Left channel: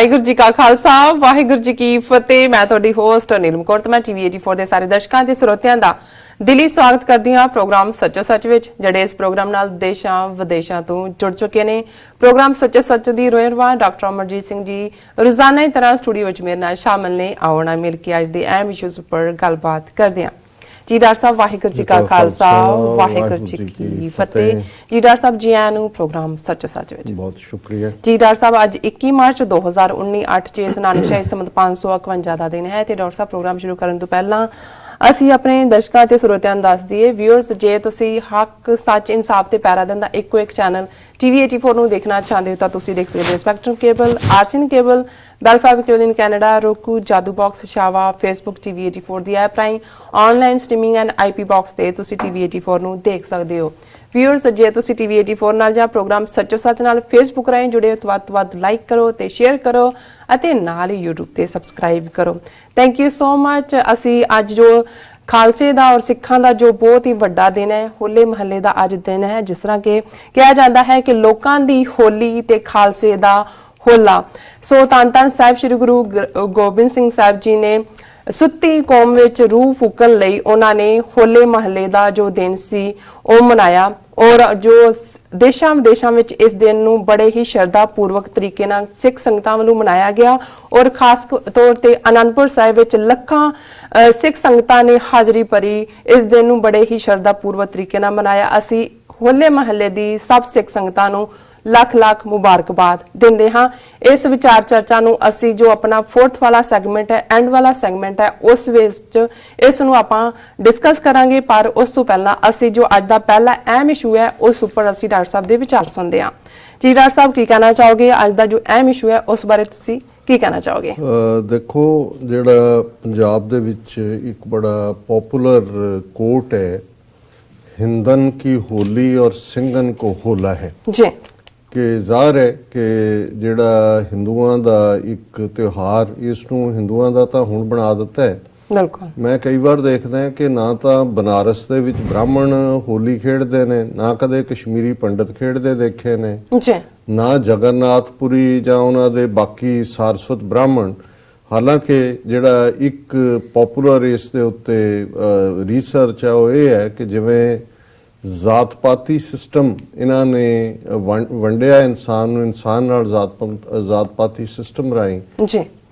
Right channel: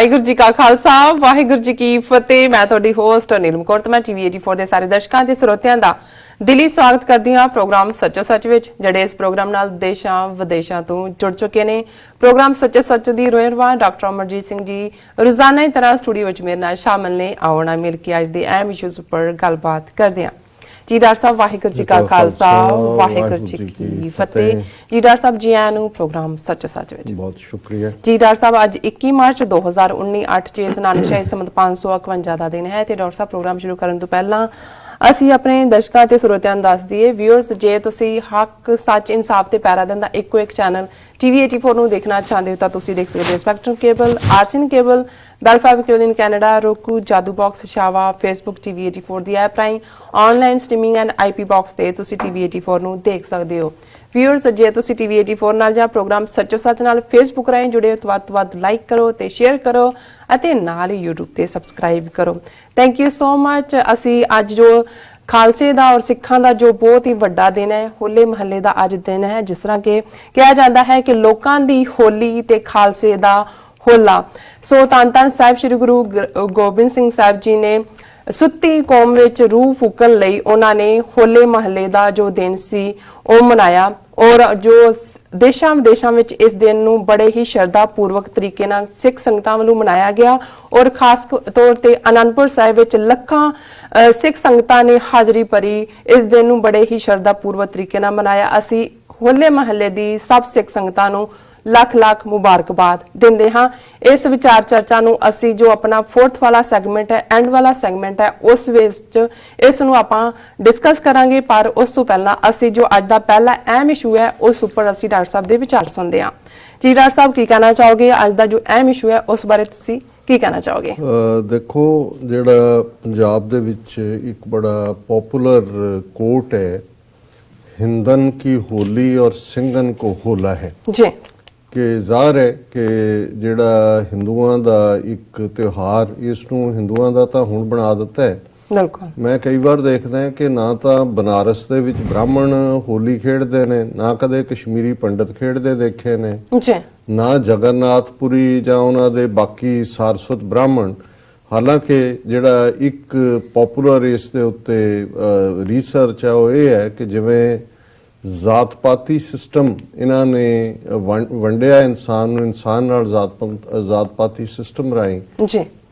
ਵਾਹਿਗੁਰੂ ਜੀ ਕਾ ਖਾਲਸਾ ਵਾਹਿਗੁਰੂ ਜੀ ਕੀ ਫਤਿਹ। ਮੈਂ ਤੁਹਾਡੀ ਹੋਸਟ ਨੀਲਮ ਕੌਰ ਤੇ ਮੈਂ ਟੀਵੀ 84 ਦੇ ਸਾਰੇ ਦਰਸ਼ਕਾਂ ਤੇ ਸਰੋਤਿਆਂ ਦਾ ਦਿਲੀ ਸਵਾਗਤ ਕਰਦੀ ਹਾਂ ਪ੍ਰੋਗਰਾਮ ਸੱਚੋ ਸੱਚ ਵਿੱਚ, ਜਿਹੜੇ ਇਸ ਪ੍ਰੋਗਰਾਮ ਨਾਲ ਦੇਸ਼ਾਂ ਵਿਦੇਸ਼ਾਂ ਤੋਂ ਜੁੜ ਚੁੱਕੇ ਨੇ। ਪ੍ਰੋਗਰਾਮ ਸੱਚੋ ਸੱਚ ਦੀ ਰੋਇਰਵਾ ਡਾਕਟਰ ਅਮਰਜੀਤ ਸਿੰਘ ਜੀ ਰੋਜ਼ਾਨਾ ਦੀ ਤਰ੍ਹਾਂ ਸਟੂਡੀਓ ਵਿੱਚ ਮੇਰੇ ਨਾਲ ਸ਼ਾਮਲ ਨੇ। ਆਉਣਾ ਮਿਲ ਕੇ ਅੱਜ ਦੇ ਅਹਿਮ ਇਸ਼ੂਜ਼ ਉੱਪਰ ਗੱਲਬਾਤ ਕਰਦੇ ਹਾਂ। ਜੀ ਡਾਕਟਰ ਸਾਹਿਬ ਵਾਹਿਗੁਰੂ ਜੀ ਕਾ ਖਾਲਸਾ ਵਾਹਿਗੁਰੂ ਜੀ ਕੀ ਫਤਿਹ। ਜੀ ਡਾਕਟਰ ਸਾਹਿਬ ਜੀ ਆਇਆਂ ਨੂੰ ਪ੍ਰੋਗਰਾਮ ਸੱਚੋ ਸੱਚ ਵਿੱਚ ਬਹੁਤ ਸ਼ੁਕਰੀਆ। ਜੀ ਡਾਕਟਰ ਸਾਹਿਬ ਅੱਜ 21 ਮਾਰਚ 2019 8 ਚੇਤ ਨਾਨਕਸ਼ਾਹੀ ਸੰਮਤ 551 ਦਾ ਦਿਨ ਹੈ ਤੇ ਡਾਕਟਰ ਸਾਹਿਬ ਪ੍ਰੋਗਰਾਮ ਸ਼ੁਰੂ ਕਰਨ ਤੋਂ ਪਹਿਲਾਂ ਅਸੀਂ ਆਪਣੇ ਦਰਸ਼ਕਾਂ ਤੇ ਸਰੋਤਿਆਂ ਨੂੰ ਦੱਸ ਦਈਏ ਵਿਊਅਰਸ, ਜੇ ਤੁਸੀਂ ਹੱਕ ਸੱਚ ਇਨਸਾਫ ਤੇ ਪੈਰਾ ਦਿੰਦਾ ਇੱਕੋ ਇੱਕ ਚੈਨਲ ਟੀਵੀ 84 ਨੂੰ ਦੇਖਣਾ ਚਾਹੁੰਦੇ ਹੋ ਤਾਂ ਤੁਸੀਂ ਦੇਖ ਸਕਦੇ ਹੋ ਸਪੈਕਟਰਮ ਕੇਬਲ, ਆਰਸੀਨ cable, Bell fibre cable in Canada, roku, Jadoo box, ਸ਼ਾਵਾ, ਫੇਸਬੁੱਕ ਟੀਵੀ 84 ਦੀ ਐਪ ਰਾਹੀਂ online streaming and IP box ਤੇ ਤੁਸੀਂ ਟੀਵੀ 84 ਨੂੰ ਦੇਖ ਸਕਦੇ ਹੋ। ਵਿਊਅਰਸ, ਜੇ ਤੁਸੀਂ ਟੀਵੀ 84 ਨਾਲ ਜਾਂ ਪ੍ਰੋਗਰਾਮ ਸੱਚੋ ਸੱਚ ਨਾਲ ਫੇਸਬੁੱਕ ਰਾਹੀਂ ਜੁੜੇ ਹੋ ਤਾਂ ਵੱਧ ਤੋਂ ਵੱਧ ਲਾਈਕ ਕਰੋ ਤੇ ਸ਼ੇਅਰ ਕਰੋ ਅਤੇ ਨਾਲ ਹੀ YouTube ਤੇ ਸਬਸਕ੍ਰਾਈਬ ਕਰੋ। Thank you so much. ਅਸੀਂ ਅੱਜ ਜੋ ਖਾਲਸੇ ਦਾ ਔਰ ਸਿੱਖਾਂ ਦਾ ਜੋ ਬਹੁਤ ਹੀ ਵੱਡਾ ਦਿਨ ਹੈ, ਹੋਲੇ ਮਹੱਲੇ ਦਾ ਅੱਜ ਦਿਨ ਹੈ, ਜਿਸ ਤਰ੍ਹਾਂ ਕਿ ਕਿਹਾ ਜਾਂਦਾ ਹੈ ਕਿ ਲੋਕਾਂ ਦੀ ਹੋਲੀ ਤੇ ਖਾਲਸੇ ਦਾ ਹੋਲਾ। ਸੋ ਧੰਨ ਧੰਨ ਸਾਹਿਬ ਸ੍ਰੀ ਗੁਰੂ ਗੋਬਿੰਦ ਸਿੰਘ ਸਾਹਿਬ ਜੀ ਨੇ ਸੁੱਤੀ ਕੌਮ ਵਿੱਚ ਰੂਹ ਫੂਕਣ ਲਈ ਉਹਨਾਂ ਨੇ ਹੋਲੇ ਮਹੱਲੇ ਦਾ ਜੋ ਦਿਨ ਸੀ ਉਹ ਮਨਾਇਆ ਔਰ ਜੋ ਦੇਸ਼ਾਂ ਵਿਦੇਸ਼ਾਂ ਵਿੱਚ ਇਸ ਦਿਨ ਨੂੰ ਬੜੇ ਹੀ ਸ਼ਰਧਾ ਪੂਰਵਕ ਤਰੀਕੇ ਨਾਲ ਸਿੱਖ ਸੰਗਤਾਂ ਵੱਲੋਂ ਮਨਾਇਆ ਗਿਆ ਔਰ ਖਾਸ ਤੌਰ ਤੇ ਅਨੰਦਪੁਰ ਸਾਹਿਬ ਵਿੱਚ ਲੱਖਾਂ ਸਿੱਖ ਸੰਗਤਾਂ ਨੇ ਹਾਜ਼ਰੀ ਭਰੀ। ਇਸ ਦਿਨ ਨੂੰ ਬੜੇ ਹੀ ਸ਼ਰਧਾ ਪੂਰਵਕ ਤਰੀਕੇ ਨਾਲ ਮਨਾਇਆ। ਅਸੀਂ ਹੋਲੇ ਮਹੱਲੇ ਦੀ ਸਭ ਸਿੱਖ ਸੰਗਤਾਂ ਨੂੰ ਲੱਖ ਲੱਖ ਮੁਬਾਰਕਬਾਦ ਦਿੰਦੇ ਹਾਂ। ਇਸ ਵਿਚਾਰ ਚਰਚਾ ਨੂੰ ਅਸੀਂ ਜੋ ਆਪਣਾ ਫੋਰਥ ਵਾਲਾ ਸੈਗਮੈਂਟ ਹੈ, ਐਂਡ ਵਾਲਾ ਸੈਗਮੈਂਟ ਹੈ, ਉਸ ਵਿੱਚ ਇਸ ਨੂੰ ਆਪਾਂ ਡਿਸਕਸ ਕਰਾਂਗੇ। ਪਰ ਉਸ ਤੋਂ ਪਹਿਲਾਂ ਅਸੀਂ ਜੋ ਅੱਜ ਦਾ ਪਹਿਲਾ ਅਹਿਮ ਇਸ਼ੂ ਹੈ ਉਸ ਉੱਪਰ ਅਸੀਂ ਡਾਕਟਰ ਸਾਹਿਬ ਦੇ ਵਿਚਾਰ ਸੁਣਦੇ ਹਾਂ। ਜੀ ਡਾਕਟਰ ਸਾਹਿਬ ਕੀ ਕਹਿਣਾ ਚਾਹੋਗੇ? ਅੱਜ ਦਾ ਜੋ ਅਹਿਮ ਇਸ਼ੂ ਹੈ ਉਸ ਬਾਰੇ ਤੁਸੀਂ ਕੀ ਕਹਿਣਾ ਚਾਹੋਗੇ? ਦੇਖੋ, ਜਿਹੜਾ ਪੰਜਾਬ ਦੇ ਵਿੱਚ ਇੱਕ ਬੜਾ ਪਪੂਲਰ ਕੋਟ ਹੈ, ਹਿੰਦਨ ਕੀ ਹੋਲੀ ਔਰ ਸਿੰਘਨ ਕੋ ਹੋਲਾ ਹੈ ਜੀ, ਕਿ ਜ਼ਾਹਰ ਹੈ ਕਿ ਜਿਹੜਾ ਹਿੰਦੂਆਂ ਦਾ ਇੱਕ ਤਿਉਹਾਰ, ਇਸ ਨੂੰ ਹਿੰਦੂਆਂ ਦਾ ਤਾਂ ਹੁਣ ਬਣਾ ਦਿੱਤਾ ਹੈ। ਬਿਲਕੁਲ। ਮੈਂ ਕਈ ਵਾਰ ਦੇਖਦਾ ਹਾਂ ਕਿ ਨਾ ਤਾਂ ਬਨਾਰਸ ਦੇ ਵਿੱਚ ਬ੍ਰਾਹਮਣ ਹੋਲੀ ਖੇਡਦੇ ਨੇ, ਨਾ ਕਦੇ ਕਸ਼ਮੀਰੀ ਪੰਡਤ ਖੇਡਦੇ ਦੇਖੇ ਨੇ, ਨਾ ਜਗਨਨਾਥਪੁਰੀ ਜਾਂ ਉਹਨਾਂ ਦੇ ਬਾਕੀ ਸਾਰਸਵਤ ਬ੍ਰਾਹਮਣ। ਹਾਲਾਂਕਿ ਜਿਹੜਾ ਇੱਕ ਪਪੂਲਰ ਇਸ ਦੇ ਉੱਤੇ ਰਿਸਰਚ ਹੈ ਉਹ ਇਹ ਹੈ ਕਿ ਜਿਵੇਂ ਜ਼ਾਤ ਪਾਤੀ ਸਿਸਟਮ ਇਹਨਾਂ ਨੇ ਵੰਡਿਆ ਇਨਸਾਨ ਨੂੰ, ਇਨਸਾਨ ਨਾਲ ਜ਼ਾਤ ਪਾਤੀ ਸਿਸਟਮ ਰਾਹੀਂ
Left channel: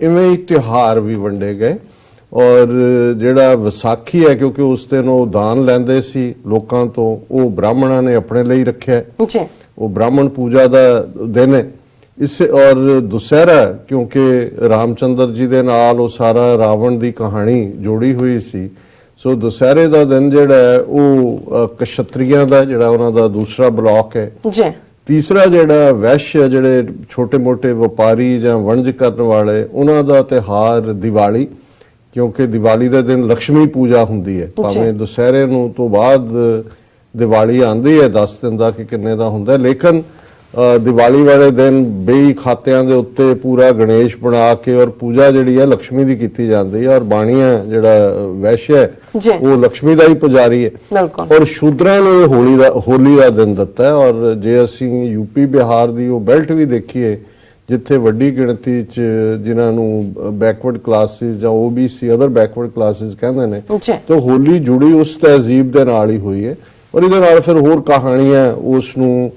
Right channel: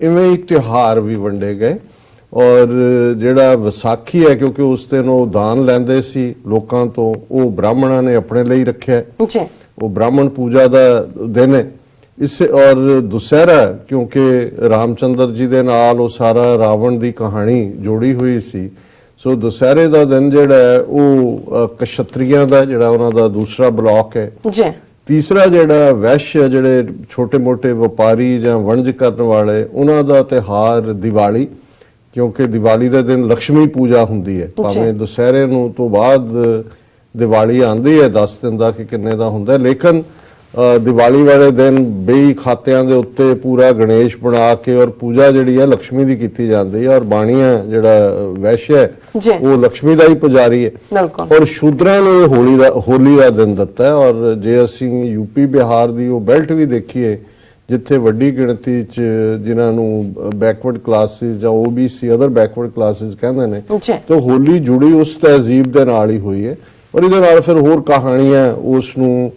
ਇਵੇਂ ਹੀ ਤਿਉਹਾਰ ਵੀ ਵੰਡੇ ਗਏ। ਔਰ ਜਿਹੜਾ ਵਿਸਾਖੀ ਹੈ, ਕਿਉਂਕਿ ਉਸ ਦਿਨ ਉਹ ਦਾਨ ਲੈਂਦੇ ਸੀ ਲੋਕਾਂ ਤੋਂ, ਉਹ ਬ੍ਰਾਹਮਣਾਂ ਨੇ ਆਪਣੇ ਲਈ ਰੱਖਿਆ, ਉਹ ਬ੍ਰਾਹਮਣ ਪੂਜਾ ਦਾ ਦਿਨ ਹੈ। ਇਸ ਔਰ ਦੁਸਹਿਰਾ, ਕਿਉਂਕਿ ਰਾਮਚੰਦਰ ਜੀ ਦੇ ਨਾਲ ਉਹ ਸਾਰਾ ਰਾਵਣ ਦੀ ਕਹਾਣੀ ਜੋੜੀ ਹੋਈ ਸੀ, ਸੋ ਦੁਸਹਿਰੇ ਦਾ ਦਿਨ ਜਿਹੜਾ ਹੈ ਉਹ ਕਸ਼ਤਰੀਆਂ ਦਾ ਜਿਹੜਾ ਉਹਨਾਂ ਦਾ ਦੂਸਰਾ ਬਲਾਕ ਹੈ। ਤੀਸਰਾ ਜਿਹੜਾ ਵੈਸ਼, ਜਿਹੜੇ ਛੋਟੇ ਮੋਟੇ ਵਪਾਰੀ ਜਾਂ ਵਣਜ ਕਰਨ ਵਾਲੇ, ਉਹਨਾਂ ਦਾ ਤਿਉਹਾਰ ਦੀਵਾਲੀ, ਕਿਉਂਕਿ ਦੀਵਾਲੀ ਦੇ ਦਿਨ ਲక్ష్ਮੀ ਪੂਜਾ ਹੁੰਦੀ ਹੈ। ਭਾਵੇਂ ਦੁਸਹਿਰੇ ਨੂੰ ਤੋਂ ਬਾਅਦ ਦੀਵਾਲੀ ਆਉਂਦੀ ਹੈ 10 ਦਿਨ ਦਾ ਕਿ ਕਿੰਨੇ ਦਾ ਹੁੰਦਾ, ਲੇਕਿਨ ਦੀਵਾਲੀ ਵਾਲੇ ਦਿਨ ਬੇਈ ਖਾਤਿਆਂ ਦੇ ਉੱਤੇ ਪੂਰਾ ਗਣੇਸ਼ ਬਣਾ ਕੇ ਔਰ ਪੂਜਾ ਜਿਹੜੀ ਹੈ ਲక్ష్ਮੀ ਦੀ ਕੀਤੀ ਜਾਂਦੀ ਹੈ। ਔਰ ਬਾਣੀਆਂ ਜਿਹੜਾ ਵੈਸ਼ ਹੈ ਉਹ ਲక్ష్ਮੀ ਦਾ ਹੀ ਪੁਜਾਰੀ ਹੈ। ਔਰ ਸ਼ੂਦਰਾਂ ਨੂੰ ਹੋਲੀ ਦਾ ਦਿਨ ਦਿੱਤਾ। ਔਰ ਜੇ ਅਸੀਂ ਯੂਪੀ ਬਿਹਾਰ ਦੀ ਉਹ ਬੈਲਟ ਵੀ ਦੇਖੀਏ ਜਿੱਥੇ ਵੱਡੀ ਗਿਣਤੀ 'ਚ ਜਿਨ੍ਹਾਂ ਨੂੰ ਬੈਕਵਰਡ ਕਲਾਸਿਸ ਜਾਂ OBC ਅਦਰ ਬੈਕਵਰਡ ਕਲਾਸਿਸ ਕਹਿੰਦੇ ਨੇ, ਤਾਂ ਹੋਲੀ ਜੁੜੀ ਉਸ ਤਹਿਜ਼ੀਬ ਦੇ ਨਾਲ ਹੀ ਹੋਈ ਹੈ। ਔਰ ਇਹਦੇ ਨਾਲ ਫਿਰ ਹੋਰ ਕਹਾਣੀਆਂ ਉਸ ਨੂੰ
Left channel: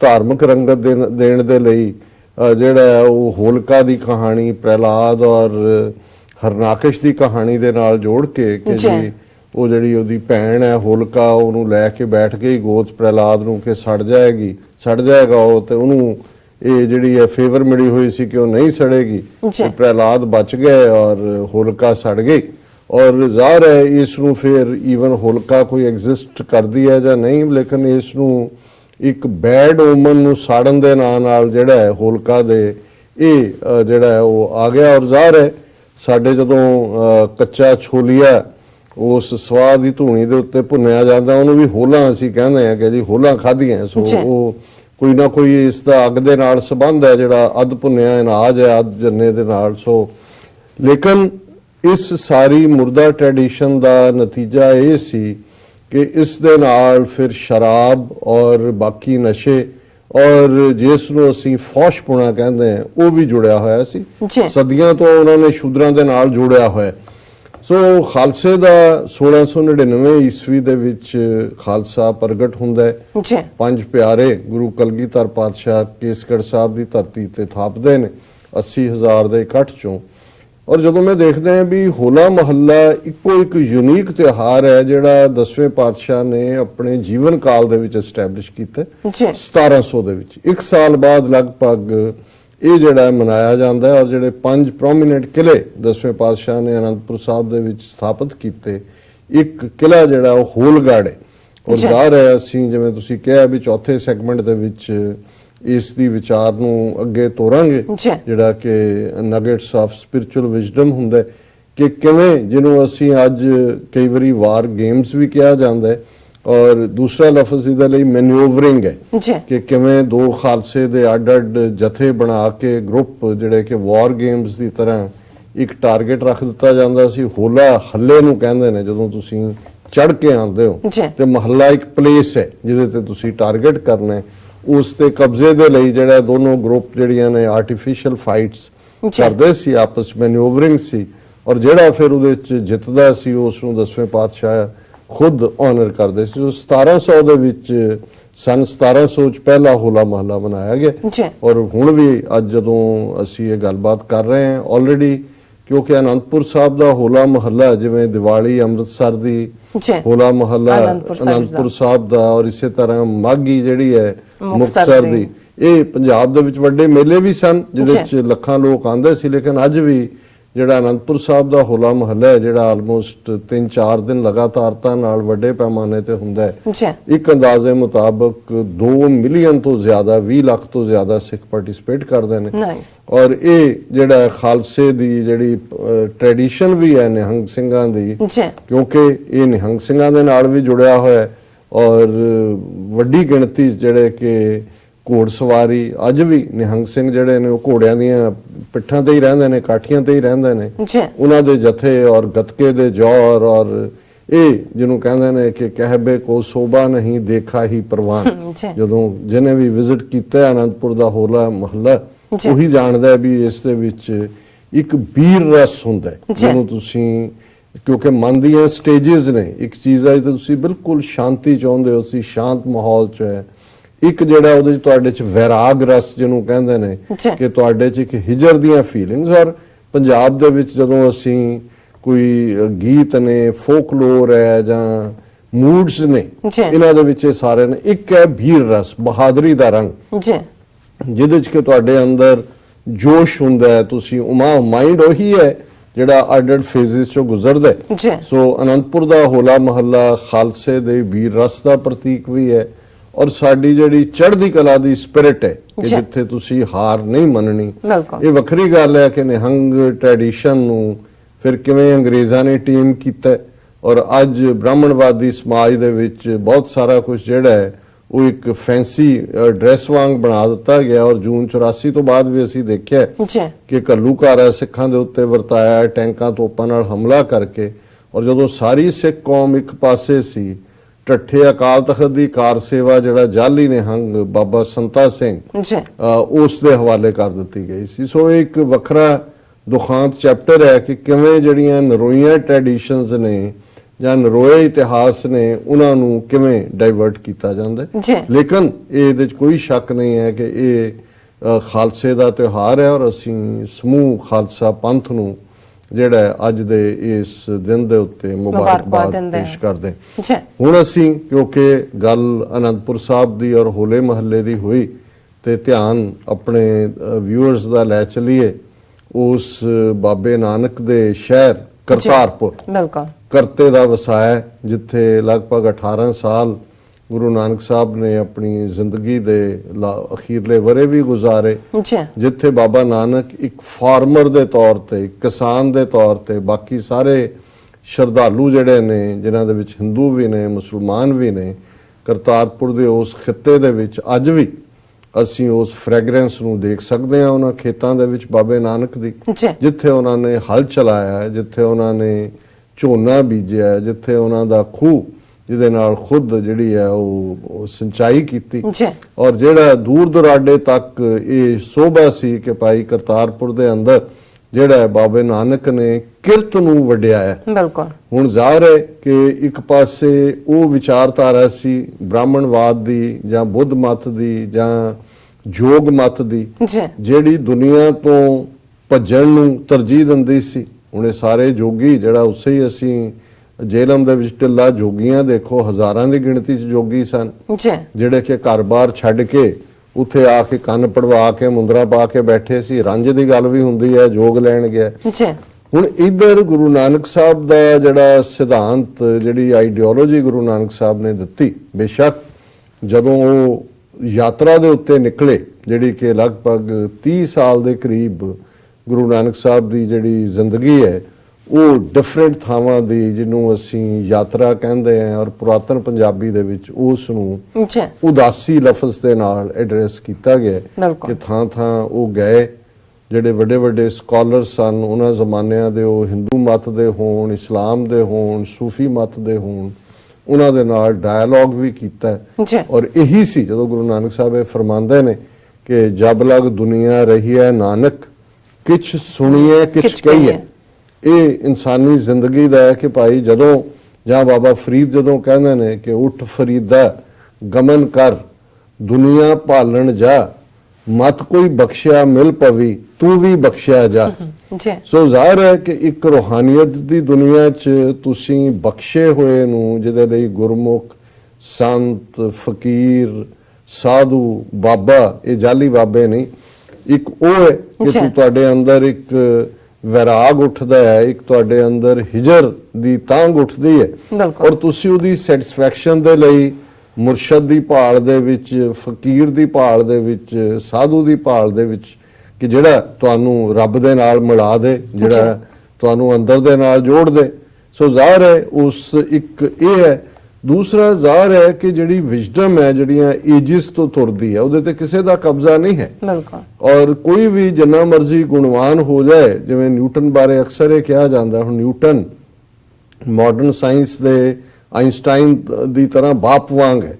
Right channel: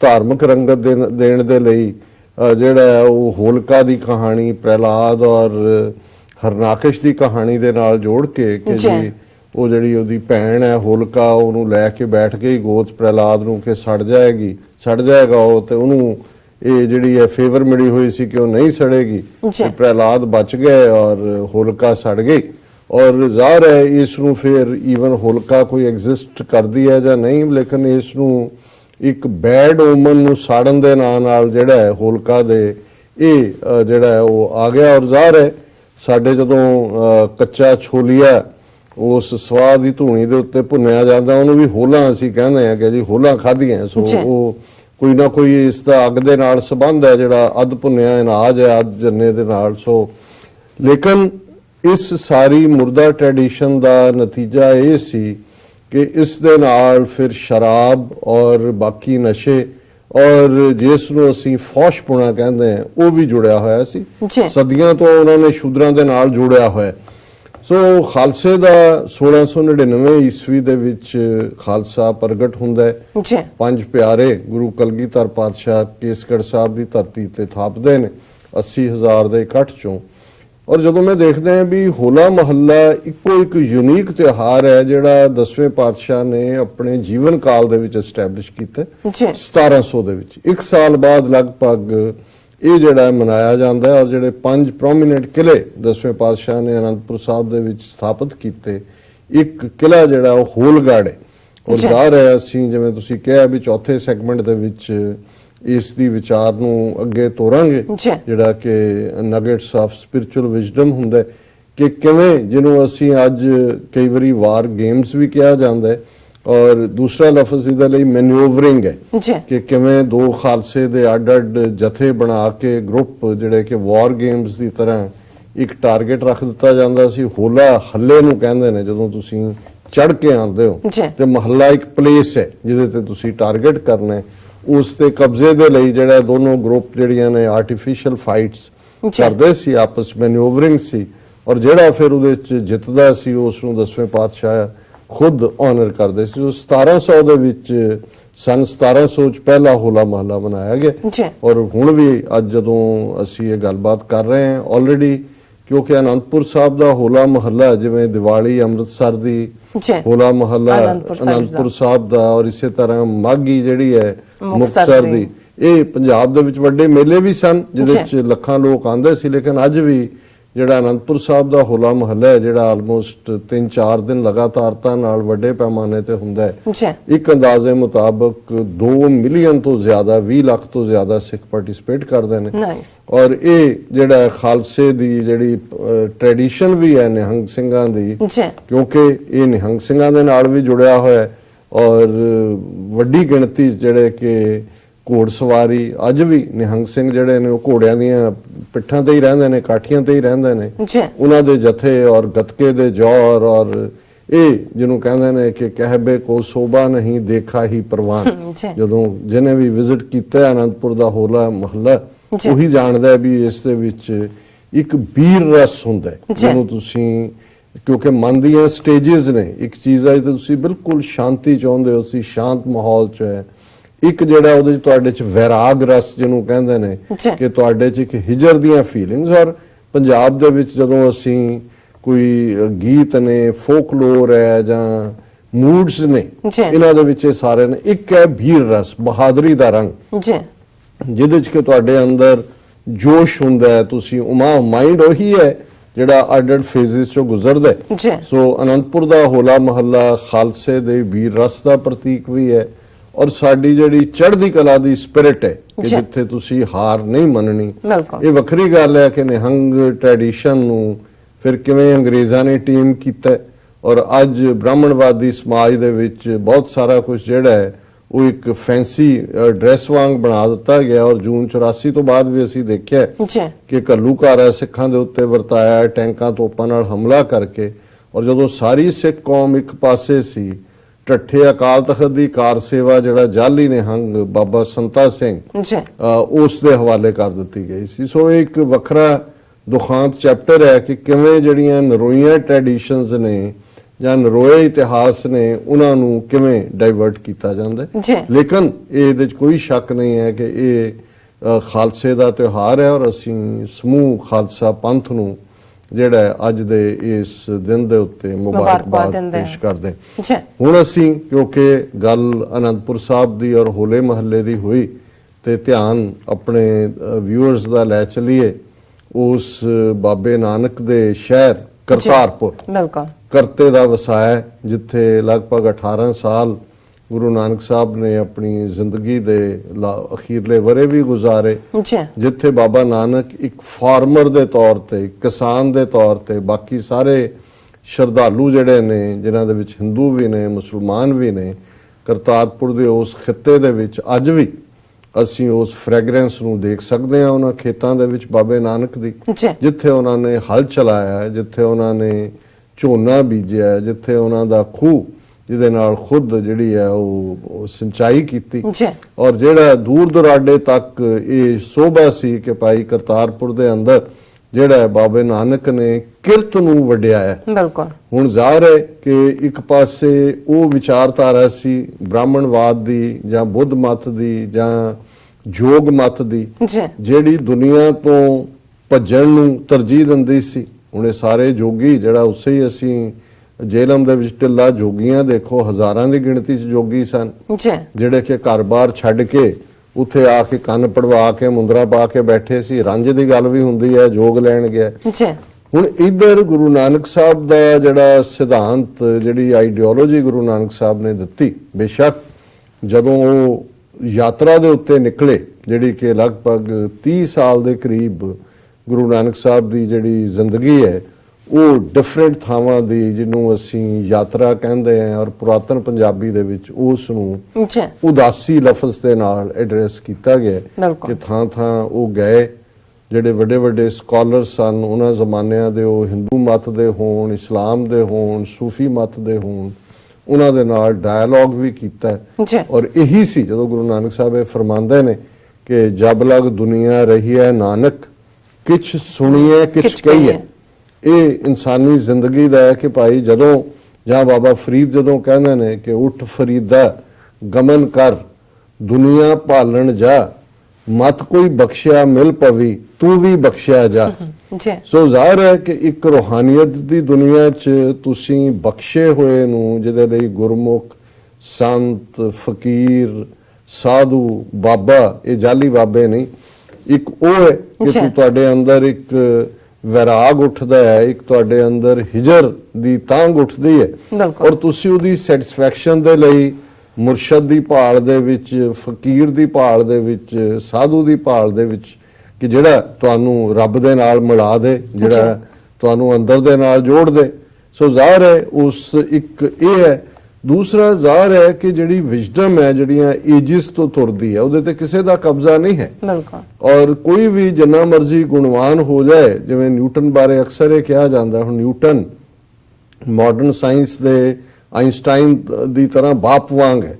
ਧਾਰਮਿਕ ਰੰਗਤ ਦੇਣ ਦੇ ਲਈ ਜਿਹੜਾ ਉਹ ਹੋਲਕਾ ਦੀ ਕਹਾਣੀ, ਪ੍ਰਹਿਲਾਦ ਔਰ ਹਰਨਾਕਸ਼ ਦੀ ਕਹਾਣੀ ਦੇ ਨਾਲ ਜੋੜ ਕੇ ਕਿ ਜੀ ਉਹ ਜਿਹੜੀ ਉਹਦੀ ਭੈਣ ਹੈ ਹੋਲਕਾ, ਉਹਨੂੰ ਲੈ ਕੇ ਬੈਠ ਗਈ ਗੋਦ ਪ੍ਰਹਿਲਾਦ ਨੂੰ ਕਿ ਸੜ ਜਾਏਗਾ ਉਹ, ਤੇ ਉਹਨੂੰ ਇਹ ਜਿਹੜੀ ਹੈ ਫੇਵਰ ਮਿਲੀ ਹੋਈ ਸੀ ਕਿ ਉਹ ਨਹੀਂ ਸੜੇਗੀ। ਪ੍ਰਹਿਲਾਦ ਬਚ ਗਿਆ ਔਰ ਹੋਲਕਾ ਸੜ ਗਈ। ਔਰ ਜ਼ਾਹਰ ਹੈ ਇਸ ਨੂੰ ਫਿਰ ਈਵਨ ਹੋਲਕਾ ਕੋਈ ਐਗਜ਼ਿਸਟ ਕਰਦੀ ਹੈ ਜਾਂ ਨਹੀਂ, ਲੇਕਿਨ ਇਸ ਨੂੰ ਇੱਕ ਬੈਡ ਓਮਨ ਨੂੰ ਸਾੜਨ ਦੇ ਨਾਲ ਜਿਹੜਾ ਹੈ ਹੋਲਕਾ ਦੇ ਇਹ ਜਿਹੜਾ ਹੈ ਉਹ ਆ ਗਿਆ। ਔਰ ਜ਼ਾਹਰ ਹੈ ਸਾਡੇ ਜਦੋਂ ਕੱਚਾ ਛੋਲੀਆ ਉਸ ਸਵਾਦ ਦੀ ਧੂਣੀ ਦੇ ਉੱਤੇ ਭੁੰਨਿਆ ਜਾਂਦਾ, ਉਹਨੂੰ ਵੀ ਹੋਲਾਂ ਅਸੀਂ ਕਹਿੰਦੇ ਹਾਂ ਕਿ ਜੀ ਹੋਲਾਂ ਖਾਧੀਆਂ। ਸੋ ਉਹ ਕੋਈ ਨਾ ਕੋਈ ਇਸ ਦਾ ਅੱਗ ਦੇ ਨਾਲ ਸੰਬੰਧ ਹੈ, ਜਿਹੜਾ ਅੱਧ ਭੁੰਨਿਆ ਅਨਾਜ ਹੈ ਅੱਧ ਜੰਨੇ ਦੇ ਨਾਲ। ਸੋ ਲੇਕਿਨ ਇਸ ਸਾਰੀ ਮੁਰਦਾ ਟ੍ਰੈਡੀਸ਼ਨ ਦਾ ਨਤੀਜਾ ਇਹ ਸੀ ਕਿ ਇਸ ਦੇ ਨਾਲ ਫਿਰ ਸ਼ਰਾਬ ਔਰ ਬਾਕੀ ਨਸ਼ੇ ਔਰ ਜਿਸ ਨੂੰ ਅਸੀਂ ਫੌਸ਼ਪੁਣਾ ਕਹਿੰਦੇ ਹਾਂ ਉਹ ਵੀ ਜੁੜਿਆ ਹੋਇਆ ਸੀ। ਜੀ। ਸਦੀਆਂ ਤੋਂ ਉਹਨਾਂ ਨੇ ਸ਼ੂਦਰਾਂ ਦੇ ਨਾਲ ਜੋੜਿਆ ਹੋਇਆ। ਸੋ ਖਾਲਸੇ ਦਾ 1699 ਈਸਵੀ ਦੇ ਵਿੱਚ ਖਾਲਸਾ ਪ੍ਰਗਟ ਹੁੰਦਾ ਹੈ। ਜੀ। ਪੰਜ ਪਿਆਰੇ ਗੁਰੂ ਕਲਗੀਧਰ ਪਾਤਸ਼ਾਹ ਕੇਸਗੜ੍ਹ ਸਾਹਿਬ ਦੀ ਧਰਤੀ ਤੇ ਥਾਪਦੇ ਨੇ 80,000 ਦੇ ਇਕੱਠ ਚੋਂ। ਔਰ ਜਦੋਂ ਮੈਂ ਦੇਖਦਾ ਹਾਂ ਵੀ ਹੋਲਾ ਮਹੱਲਾ ਇੱਕੋ ਇੱਕ ਯੂਨੀਕ ਤਿਉਹਾਰ ਹੈ ਜਿਹੜਾ 10ਵੇਂ ਪਾਤਸ਼ਾਹ ਨੇ ਆਪਣੇ ਜੀਵਨ ਕਾਲ ਦੇ ਵਿੱਚ ਐਸਟੈਬਲਿਸ਼ ਕੀਤਾ 1700 ਦੇ ਵਿੱਚ। ਇੱਕ ਸਾਲ ਬਾਅਦ ਲਗਭਗ ਇਹ ਜਿਹੜਾ ਮਨਾਇਆ ਜਾਂਦਾ ਹੈ। ਔਰ ਜਿਹੜੇ 5 ਪ੍ਰੋਮੀਨੈਂਟ ਕਿਲੇ 10ਵੇਂ ਪਾਤਸ਼ਾਹ ਨੇ ਅਨੰਦਪੁਰ ਸਾਹਿਬ ਦੇ ਵਿੱਚ ਸਥਾਪਿਤ ਕੀਤੇ, ਇੱਕ ਕਿਲਾ ਜਿਹੜਾ ਉਹ ਹੋਲਗੜ੍ਹ ਹੈ। ਔਰ ਜ਼ਾਹਰ ਹੈ ਅਸੀਂ ਜਿਵੇਂ ਤੁਸੀਂ ਕਿਹਾ ਵੀ ਚੌਥੇ ਸੈਗਮੈਂਟ ਦੇ ਵਿੱਚ ਇਸ ਦੀ ਵਿਚਾਰ ਨੂੰ ਅੱਗੇ ਤੋਰਾਂਗੇ, ਜਿਹੜਾ ਕਿ ਨਗੇਟਸ ਆਫ ਸਪਿਰਚੁਅਲ ਵਿਜ਼ਡਮ ਹੁੰਦਾ ਕਿ ਕਿਵੇਂ ਜਿਹਨੂੰ ਅਸੀਂ ਅੱਜ ਕਈ ਵਾਰੀ ਵਾਰ ਗੇਮਸ ਵੀ ਕਿਹਾ ਜਾਂਦਾ ਹੈ। ਔਰ ਦੂਸਰਾ ਲਫ਼ਜ਼ ਇਹਦੇ ਲਈ ਮੈਨੂਵਰਿੰਗ ਹੈ ਕਿ ਕਿਵੇਂ ਦੋ ਖਾਲਸੇ ਦੇ ਅੱਡ-ਅੱਡ ਜਥੇ ਬਣਾ ਕੇ ਗਰੁੱਪ ਜਿਹੜੇ ਕਿ ਵਾਰ ਗੇਮਸ ਦੀ ਤਰ੍ਹਾਂ ਇੱਕ ਟਾਰਗੇਟ ਰੱਖ ਦਿੱਤਾ ਜਾਂਦਾ ਸੀ। ਹੋਲਾ ਹੱਲੇ ਨੂੰ ਕਹਿੰਦੇ ਨੇ ਜਦੋਂ ਤੁਸੀਂ ਚੜ ਕੇ ਆਉਂਦੇ ਹੋ ਤੇ ਮਹੱਲਾ ਇੱਕ ਪਲੇਸ ਹੈ ਜਿਹਦੇ ਤੇ ਤੁਸੀਂ ਟਾਰਗੇਟ ਕਰਨਾ ਹੈ। ਉਸ ਤੇ ਕਬਜ਼ੇ ਦੇ ਲਈ ਜਿਹੜਾ ਦੋਨੋਂ ਗਰੁੱਪ ਜਿਹੜੀਆਂ ਨੇ ਆਰਟੀਫੀਸ਼ੀਅਲ ਫਾਈਟਸ ਕਰਦੇ ਸੀ, ਆਪਸ ਮੈਨੂਵਰਿੰਗ ਸੀ। ਔਰ ਜਿਹੜਾ ਫਿਰ ਉਹਦੇ ਚ ਜਿੱਤਦਾ ਸੀ ਉਸ ਨੂੰ 10ਵੇਂ ਪਾਤਸ਼ਾਹ ਖੁਦ ਆਨਰ ਕਰਦੇ ਸੀ। 1700 ਦੇ ਵਿੱਚ ਸਨ 1700 ਚ ਪਹਿਲਾ ਹੋਲਾ ਮਹੱਲਾ ਮਨਾਇਆ ਗਿਆ। ਔਰ ਹੁਣ ਵੀ ਅੱਜ ਜਦੋਂ ਅਸੀਂ ਇਹ ਗੱਲਬਾਤ ਕਰ ਰਹੇ ਹਾਂ ਆਲਰੇਡੀ, ਕਿਉਂਕਿ ਅਨੰਦਪੁਰ ਸਾਹਿਬ ਦਾ ਹੋਲਾ ਮਹੱਲਾ ਜਿਵੇਂ ਦੀਵਾਲੀ ਅੰਮ੍ਰਿਤਸਰ ਦੀ ਹੋਲਾ ਮਹੱਲਾ ਅਨੰਦਪੁਰ ਸਾਹਿਬ ਦਾ, ਔਰ ਇਸੇ ਤਰ੍ਹਾਂ ਮਾਘੀ ਜਿਹੜੀ ਹੈ ਮੁਕਤਸਰ ਦੀ, ਇਹ ਪੰਜਾਬ ਦੇ ਵਿੱਚ ਵੱਡੇ ਮੇਲੇ ਵੀ ਸਨ ਜਿਹਦੇ ਵਿੱਚ ਲੱਖਾਂ ਲੋਕ ਆਉਂਦੇ ਸੀ। ਲੇਕਿਨ ਅੱਜ ਵੀ ਜਿਹੜਾ ਅਨੰਦਪੁਰ ਸਾਹਿਬ ਦਾ ਹੋਲਾ ਮਹੱਲਾ ਹੈ ਜਿਹੜਾ ਆਲਮੋਸਟ 3-4 ਦਿਨ ਲਗਾਤਾਰਤਾ ਨਾਲ ਵੱਡੇ ਪੈਮਾਨੇ ਤੇ ਹੁੰਦਾ ਹੈ। ਇੱਕ ਅੰਦਾਜ਼ੇ ਮੁਤਾਬਕ 2 ਮਿਲੀਅਨ ਤੋਂ ਜ਼ਿਆਦਾ 20 ਲੱਖ ਤੋਂ ਜ਼ਿਆਦਾ ਸਿੱਖ ਪਾਰਟਿਸਿਪੇਟ ਕਰਦੇ ਨੇ। ਔਰ ਇਹ ਜਿਹੜਾ ਖਾਲਸੇ ਦੀ ਜਿਹੜੀ ਟ੍ਰੈਡੀਸ਼ਨ ਵੀ ਹੈ ਨਿਹੰਗ ਸਿੰਘਾਂ ਦੀ, ਕਿਉਂਕਿ ਇਹ ਨਿਹੰਗ ਸਿੰਘਾਂ ਦੇ ਨਾਲ ਵੀ ਜੁੜਿਆ ਹੋਇਆ ਹੈ। ਔਰ ਵੱਡੀ ਗਿਣਤੀ ਜਿਹੜੇ ਕਿ ਘੋੜਸਵਾਰੀ ਅੱਜ ਵੀ ਨਿਹੰਗ ਸਿੰਘ ਜਿਹੜੇ ਨੇ ਉਹ ਘੋੜਿਆਂ ਦੀਆਂ ਪਿੱਠਾਂ ਤੇ ਹੀ ਰਹਿੰਦੇ ਨੇ, ਕਾਠੀਆਂ ਤੇ ਹੀ ਰਹਿੰਦੇ ਨੇ। ਉਹਨਾਂ ਦੇ ਜਥੇ ਔਰ ਗੱਤਕੇ ਦੇ ਜੌਹਰ ਔਰ ਇਹ ਜਿਹਨੂੰ ਕਹਿੰਦੇ ਨੇ ਕਿ ਕਹਿਬੇ ਕੋ ਸੋਭਾ ਨਹੀਂ ਦੇਖਾ ਹੀ ਪ੍ਰਵਾਨ। ਜਦੋਂ ਜਿਹਨੇ ਵੀ ਵਿਜ਼ਿਟ ਕੀਤਾ ਆਨੰਦਪੁਰ ਦਾ ਹੋਲਾ ਮਹੱਲਾ ਉਹੀ ਜਾਣਦਾ ਵੀ ਇਸ ਦੇ ਵਿੱਚ ਇੱਕ ਵੀਰ ਰਸ ਹੁੰਦਾ ਹੈ ਜਦੋਂ ਤੁਸੀਂ, ਕਿਉਂਕਿ ਮਨ ਦੀਆਂ ਸਟੇजेस ਨੇ। ਇੱਕ ਚੀਜ਼ ਹੈ ਤੇ ਤੁਸੀਂ ਬਿਲਕੁਲ ਸ਼ਾਂਤੀ ਚਾਹੁੰਦੇ ਹੋ, ਤੁਸੀਂ ਸ਼ਾਂਤ ਮਾਹੌਲ 'ਚ ਹੈ। ਇੱਕ ਜਿਹੜਾ ਉਹਦੇ ਚ ਤੁਹਾਡੇ ਚ ਵੈਰਾਗ ਰਸ ਜਿਹਨੂੰ ਕਹਿੰਦੇ ਨੇ ਕਿ ਤੁਹਾਡੇ ਚ ਇੱਕ ਹਿਜਰ ਦੀਆਂ ਫੀਲਿੰਗਸ। ਔਰ ਪੰਜਾਬ ਦੇ ਵਿੱਚ ਜਦੋਂ ਅਸੀਂ ਕੋਈ ਗੀਤ ਨੇ, ਫੋਕਲੋਰ ਹੈ ਜਾਂ ਮੂਡਸ ਨੇ, ਇਹਨਾਂ ਦੇ ਵਿੱਚ ਇਹ ਸਾਰੇ ਨੇ। ਇੱਕ ਹੈ ਵੀਰ ਰਸ, ਬਹਾਦਰੀ ਦਾ ਰੰਗ, ਜਿਹਦੇ ਚ ਕਿ ਤੁਹਾਡੇ ਅੰਦਰ ਜੋਸ਼ ਹੁੰਦਾ ਹੈ। ਤੁਸੀਂ ਮਾਈਂਡ ਉਹੀ ਹੈ ਜਿਹੜਾ ਅੱਡ-ਅੱਡ ਫੇਜ਼ਸ ਚੋਂ ਗੁਜ਼ਰਦਾ ਹੈ। ਸੋ ਅਨੰਦਪੁਰ ਦਾ ਹੋਲਾ ਮਹੱਲਾ ਖਾਲਸੇ ਦੇ ਵੀਰ ਰਸ ਦਾ ਪ੍ਰਤੀਕ ਵੀ ਹੈ। ਔਰ ਸਾਡੀ ਜਿਹੜੀ ਚੜ੍ਹਦੀ ਕਲਾ ਦੀ ਸਪਿਰਿਟ ਹੈ ਕਿ ਜਿੱਥੇ ਤੁਸੀਂ ਹਾਰ ਨਹੀਂ ਮੰਨਣੀ। ਇਹ ਵੱਖਰੀ ਗੱਲ ਹੈ ਕਿ ਨਿਹੰਗ ਟ੍ਰੈਡੀਸ਼ਨ ਨੂੰ ਫਿਰ ਕਿਵੇਂ ਅੰਗਰੇਜ਼ਾਂ ਨੇ ਟੀਮ ਕੀਤਾ ਔਰ ਅੱਜ ਬ੍ਰਾਹਮਣਵਾਦੀ ਸਮਾਜ ਦੇ ਵਿੱਚ ਬਹੁਤ ਸਾਰਾ ਕੁਝ ਜਿਹੜਾ ਹੈ ਉਹ ਇੱਕ ਫੈਂਸੀ ਡਰੈਸ ਵਾਂਗ ਬਣਾ ਦਿੱਤਾ ਗਿਆ। ਔਰ ਜੂਨ 84 ਤੋਂ ਬਾਅਦ ਵੀ ਅਸੀਂ ਦੇਖਿਆ ਕਿ ਘੱਲੂਘਾਰਾ ਸਿੱਖਾਂ ਦੇ ਉੱਤੇ ਵਰਤਾਇਆ ਟੈਂਕਾਂ ਤੋਪਾਂ ਨਾਲ ਹਮਲਾ ਕਰਕੇ। ਔਰ ਜਦੋਂ ਸਾਰੀ ਸਿੱਖ ਕੌਮ ਇੱਕ ਪਾਸੇ ਸੀ, ਠੱਠੇ ਅਕਾਲ ਤਖਤ ਦੀ ਕਾਰ ਸੇਵਾ ਜਿਹੜਾ ਜਾਲੀ ਨਿਹੰਗ ਬਾਬਾ ਸੰਤਾ ਸਿੰਘ ਉਸ ਦੇ ਹਵਾਲੇ ਕਰ ਦਿੱਤੀ ਗਈ ਸੀ। ਸੋ ਇੱਕ ਵੱਖਰਾ ਦੁਖਾਂਤ ਚੈਪਟਰ ਹੈ ਕਿ ਕਿਵੇਂ ਜਿਹੜੀਆਂ ਨਰੋਈਆਂ ਟ੍ਰੈਡੀਸ਼ਨਸ ਨੇ ਜਾਂ ਨਰੋਏ ਇਤਿਹਾਸ ਨੇ ਉਹਨਾਂ ਨੂੰ ਕਿਵੇਂ ਡਾਇਵਰਟ ਕੀਤਾ ਜਾਂਦਾ। ਲੇਕਿਨ ਇਹਦੇ 'ਚ ਕੋਈ ਸ਼ੱਕ ਨਹੀਂ ਹੈ ਕਿ ਇਹ ਖਾਲਸੇ ਦਾ ਤਿਉਹਾਰ ਹੈ ਔਰ ਅਸੀਂ ਸਮੂਹ ਖਾਲਸਾ ਪੰਥ ਨੂੰ ਜਿਹੜਾ ਅੱਜ ਦੇ ਇਸ ਦਿਨ ਦੇ ਉੱਤੇ ਮੁਬਾਰਕਬਾਦ ਪੇਸ਼ ਕਰਦੇ। ਹੁਣ ਅਸੀਂ ਕਿਉਂਕਿ ਗੱਲ ਅਨੰਦਪੁਰ ਸਾਹਿਬ ਦੀ ਔਰ ਹੋਲੇ ਮਹੱਲੇ ਦੀ ਹੋਈ ਤੇ ਧਿਆਨ ਆਪਣੇ ਵਿਊਅਰਸ ਦਾ ਲੈ ਚਲੀਏ ਉਸ ਬਾਬੇ ਨਾਨਕ ਦੇ ਸ਼ਹਿਰ ਕਰਤਾਰਪੁਰ, ਕਰਤੇ ਦਾ ਵਸਾਇਆ, ਜਿੱਥੇ ਲਗਭਗ 18 ਸਾਲ ਗੁਰੂ ਨਾਨਕ ਸਾਹਿਬ ਨੇ ਆਪਣੀ ਜ਼ਿੰਦਗੀ ਦੇ ਅਖੀਰਲੇ ਵਰੇ ਵੀ ਗੁਜ਼ਾਰੇ। ਜਿੱਥੇ ਬਾਬਾ ਨਾਨਕ ਇੱਕ ਫਾਰਮਰ ਦੇ ਤੌਰ ਤੇ, ਕਿਸਾਨ ਦੇ ਤੌਰ ਤੇ, ਬਾਕੀ ਸਾਰੇ ਸ਼ਰਧਾਲੂ ਜਿਹੜੇ ਨੇ ਜਿਨ੍ਹਾਂ ਦੇ ਵਿੱਚ ਹਿੰਦੂ ਵੀ ਨੇ, ਮੁਸਲਮਾਨ ਵੀ ਨੇ, ਕਰਤਾਰਪੁਰ ਦੇ ਉਸ ਖਿੱਤੇ ਦੇ ਵਿੱਚ ਅੱਜ ਵੀ ਅਸੀਂ ਉਸ ਫ੍ਰੈਗਰੈਂਸ ਨੂੰ ਦੇਖ ਸਕਦੇ ਹਾਂ ਉਹਨਾਂ ਖੇਤਾਂ ਦੇ ਵਿੱਚ ਬਾਬੇ ਨਾਨਕ ਦੀ, ਜਿੱਥੇ ਉਹਨਾਂ ਨੇ ਹਲ ਚਲਾਇਆ, ਜਿੱਥੇ ਉਹਨਾਂ ਨੇ ਝੋਨਾ ਬੀਜਿਆ, ਜਿੱਥੇ ਉਹਨਾਂ ਦਾ ਖੂਹ ਜਿਹਦੇ ਨਾਲ ਖੁਦ ਜਿਹੜੀ ਹੈ ਉਹ ਸਿੰਚਾਈ ਕੀਤੀ ਜੀ ਔਰ ਜਿਹੜਾ ਦੂਰ ਦੁਰਾਡੇ ਤੱਕ ਇਹ ਸੋਭਾ ਸੀ ਕਿ ਭਾਈ ਕਰਤਾਰਪੁਰ ਦੇ ਅੰਦਰ ਜਿਹੜਾ ਬਾਬੇ ਨਾਨਕ ਨੇ ਕਿਰਤ ਨੂੰ ਵਡਿਆ ਹੈ। ਬਿਲਕੁਲ। ਹੁਣ ਜ਼ਾਹਿਰ ਹੈ ਕਿ ਇੱਕ ਪਾਸੇ ਉਹ ਵਿਚਾਰਧਾਰਾ ਸੀ ਬ੍ਰਾਹਮਣਵਾਦ ਦੀ ਜਾਂ ਬੁੱਧ ਮਤ ਦੀ ਜਾਂ ਯੋਗ ਮਤ ਦੀ ਜਿਹੜੀ ਦੁਨੀਆ ਤੋਂ ਭੱਜਣ ਨੂੰ ਤਰਜੀਹ ਦਿੰਦੀ ਸੀ। ਹੁਣ ਇਹ ਸਾਰੇ ਜੋਗੀ ਜਿਹੜਾ ਉਸੇ ਹੀ ਅਸੀਂ ਜੇਲਮ ਦੇ ਵਿੱਚ ਢਿੱਲਾ ਜੋਗੀਆਂ ਦੇਖੋ ਹਜ਼ਾਰਾਂ ਦੀ ਗਿਣਤੀ 'ਚ ਜੋਗੀ ਸਨ ਜਿਹੜੇ ਕਿ ਘਰ-ਬਾਰ ਛੱਡ ਕੇ ਉੱਥੇ ਆ ਕੇ ਕੰਨ ਪੜਵਾ ਕੇ ਮੁੰਦਰਾ ਪਾ ਕੇ ਬੈਠੇ ਸੀ। ਰੰਜ ਦੀ ਗੱਲ ਵੀ ਹੁੰਦੀ ਹੈ, ਜੋਗ ਲੈਣ ਗਿਆ। ਹੁਣ ਇਧਰ ਗੁਰੂ ਨਾਨਕ ਸਾਹਿਬ ਦਾ ਜਿਹੜਾ ਸਿਧਾਂਤ ਜਿਹੜੀ ਆਈਡੀਓਲੋਜੀ ਗੁਰੂ ਨਾਨਕ ਸਾਹਿਬ ਨੇ ਦਿੱਤੀ, ਬੇਸ਼ੱਕ ਜਦੋਂ ਉਹ ਯਾਤਰਾ ਦੇ ਉੱਤੇ ਨਿਕਲੇ ਜਿਹੜੀ ਕਿ ਲਗਭਗ 30 ਸਾਲ ਦੇ ਕਰੀਬ ਗੁਰੂ ਨਾਨਕ ਸਾਹਿਬ ਦੀ ਜਿਹੜੀ ਜ਼ਿੰਦਗੀ ਹੈ ਉਹ ਡਿਫਰੈਂਟ ਥਾਵਾਂ ਦੀ ਜਿਹਨੂੰ ਅਸੀਂ ਯਾਤਰਾ ਕਹਿੰਦੇ ਹਾਂ ਔਰ ਪੁਰਾਤਨ ਪੰਜਾਬੀ ਦੇ ਵਿੱਚ ਉਸ ਨੂੰ ਉਦਾਸੀ ਲਫ਼ਜ਼ ਦੇ ਨਾਲ ਐਡਰੈਸ ਕੀਤਾ ਗਿਆ ਕਿ ਥਾਂ ਥਾਂ ਉਹ ਗਏ। ਜਿਹੜੇ ਵੱਡੇ ਵੱਡੇ ਸਕਾਲਰ ਸਨ ਉਹਨਾਂ ਜ਼ਮਾਨਿਆਂ ਦੇ, ਉਹ ਹਿੰਦੂ ਮਤ ਦੇ ਹੋਣ, ਇਸਲਾਮ ਦੇ ਹੋਣ, ਸੂਫੀ ਮਤ ਦੇ ਹੋਣ, ਉਹਨਾਂ ਦੇ ਨਾਲ ਡਾਇਲੌਗ ਵੀ ਕੀਤਾ ਔਰ ਇਹੀ ਸੀ ਜਦੋਂ ਗੁਰੂ ਨਾਨਕ ਸਾਹਿਬ ਇਹ ਫਰਮਾਉਂਦੇ ਨੇ ਕਿ ਜਬ ਲਗ ਦੁਨੀਆ ਰਹੀ ਹੈ ਨਾਨਕ ਕਿਛ ਸੁਣੀਏ ਕਿਛ ਕਹੀਏ। ਇਹ ਇਨਸਾਨੀ ਜ਼ਿੰਦਗੀ ਦਾ ਹੈ ਕਿ ਭਾਈ ਜਦੋਂ ਜਾਂ ਬਾਬਾ ਫਰੀਦ ਜਦੋਂ ਕਹਿੰਦੇ ਨੇ ਕਿ ਉੱਠ ਫਰੀਦਾ ਗਮਨ ਕਰ ਦੁਨੀਆ ਭਾਲਣ ਜਾ ਮਤ ਕੋਈ ਬਖਸ਼ਿਆ ਮਿਲ ਪਵੀ ਤੂੰ ਵੀ ਬਖਸ਼ਿਆ ਜਾ। ਸੋ ਜ਼ਾਹਿਰ ਹੈ ਕਿ ਇੱਕ ਰੂਹਾਨੀਅਤ ਦੀ ਦੁਨੀਆ 'ਚ ਤੁਸੀਂ ਬਖਸ਼ੇ ਹੋਏ ਨੂੰ ਜਿਹਦੇ ਲਈ ਗੁਰਮੁਖ ਸੰਤ ਫਕੀਰ ਸਾਧੂ ਬਾਬਾ ਇਹ ਜਾਲੀ ਬਾਬੇ ਨਹੀਂ, ਇੱਕ ਉਹ ਹੈ ਕਿ ਤੁਹਾਡੇ ਅੰਦਰ ਇੱਕ ਵੈਰਾਗ ਉੱਠਦਾ ਹੈ, ਇੱਕ ਤੁਹਾਡੇ ਅੰਦਰ ਹਿਜਰ ਦੀ ਤਾਂਘ ਉੱਠਦੀ ਹੈ ਔਰ ਤੁਸੀਂ ਉਹਦੀ ਸੈਟੀਸਫੈਕਸ਼ਨ ਦੇ ਲਈ ਮੁਰਸ਼ਦ ਦੀ ਭਾਲ ਦੇ ਵਿੱਚ, ਫਕੀਰ ਦੀ ਭਾਲ ਦੇ ਵਿੱਚ, ਸਾਧੂ ਦੀ ਭਾਲ ਦੇ ਵਿੱਚ ਕਿ ਜਿਹੜਾ ਤੁਹਾਨੂੰ ਰੱਬ ਦੇ ਨਾਲ ਮਿਲਾ ਦੇ, ਜਿਹੜਾ ਤੁਹਾਨੂੰ ਅੰਦਰ ਦੇ ਨਾਲ ਜੋੜ ਦੇ। ਸੋ ਜ਼ਾਹਿਰ ਹੈ ਉਸ ਇੱਕ ਇਹ ਹੈ। ਦੂਸਰਾ ਜ਼ਾਹਿਰ ਹੈ ਕਿ ਜਿਹੜੀ ਵਿਜ਼ਡਮ ਹੈ ਜਿਹੜੀਆਂ ਏਜਿਸ ਤੋਂ ਤੁਰਦੀ ਹੈ ਉਹਦੇ ਤੇ ਕਿਸੇ ਦਾ ਕਬਜ਼ਾ ਨਹੀਂ ਹੈ ਔਰ ਕੋਈ ਵੀ ਜਿੰਨਾ ਮਰਜ਼ੀ ਗੁਣਵਾਨ ਹੋ ਜਾਏ। ਜਿਵੇਂ ਨਿਊਟਨ ਬਾਰੇ ਅਕਸਰ ਇਹ ਕਿਹਾ ਜਾਂਦਾ, ਹੁਣ ਨਿਊਟਨ ਮਾਡਰਨ ਸਾਇੰਸ ਦੇ ਆਇਨਸਟਾਈਨ ਦੀ ਤਰ੍ਹਾਂ ਬਾਪ ਵਾਂਗ ਹੈ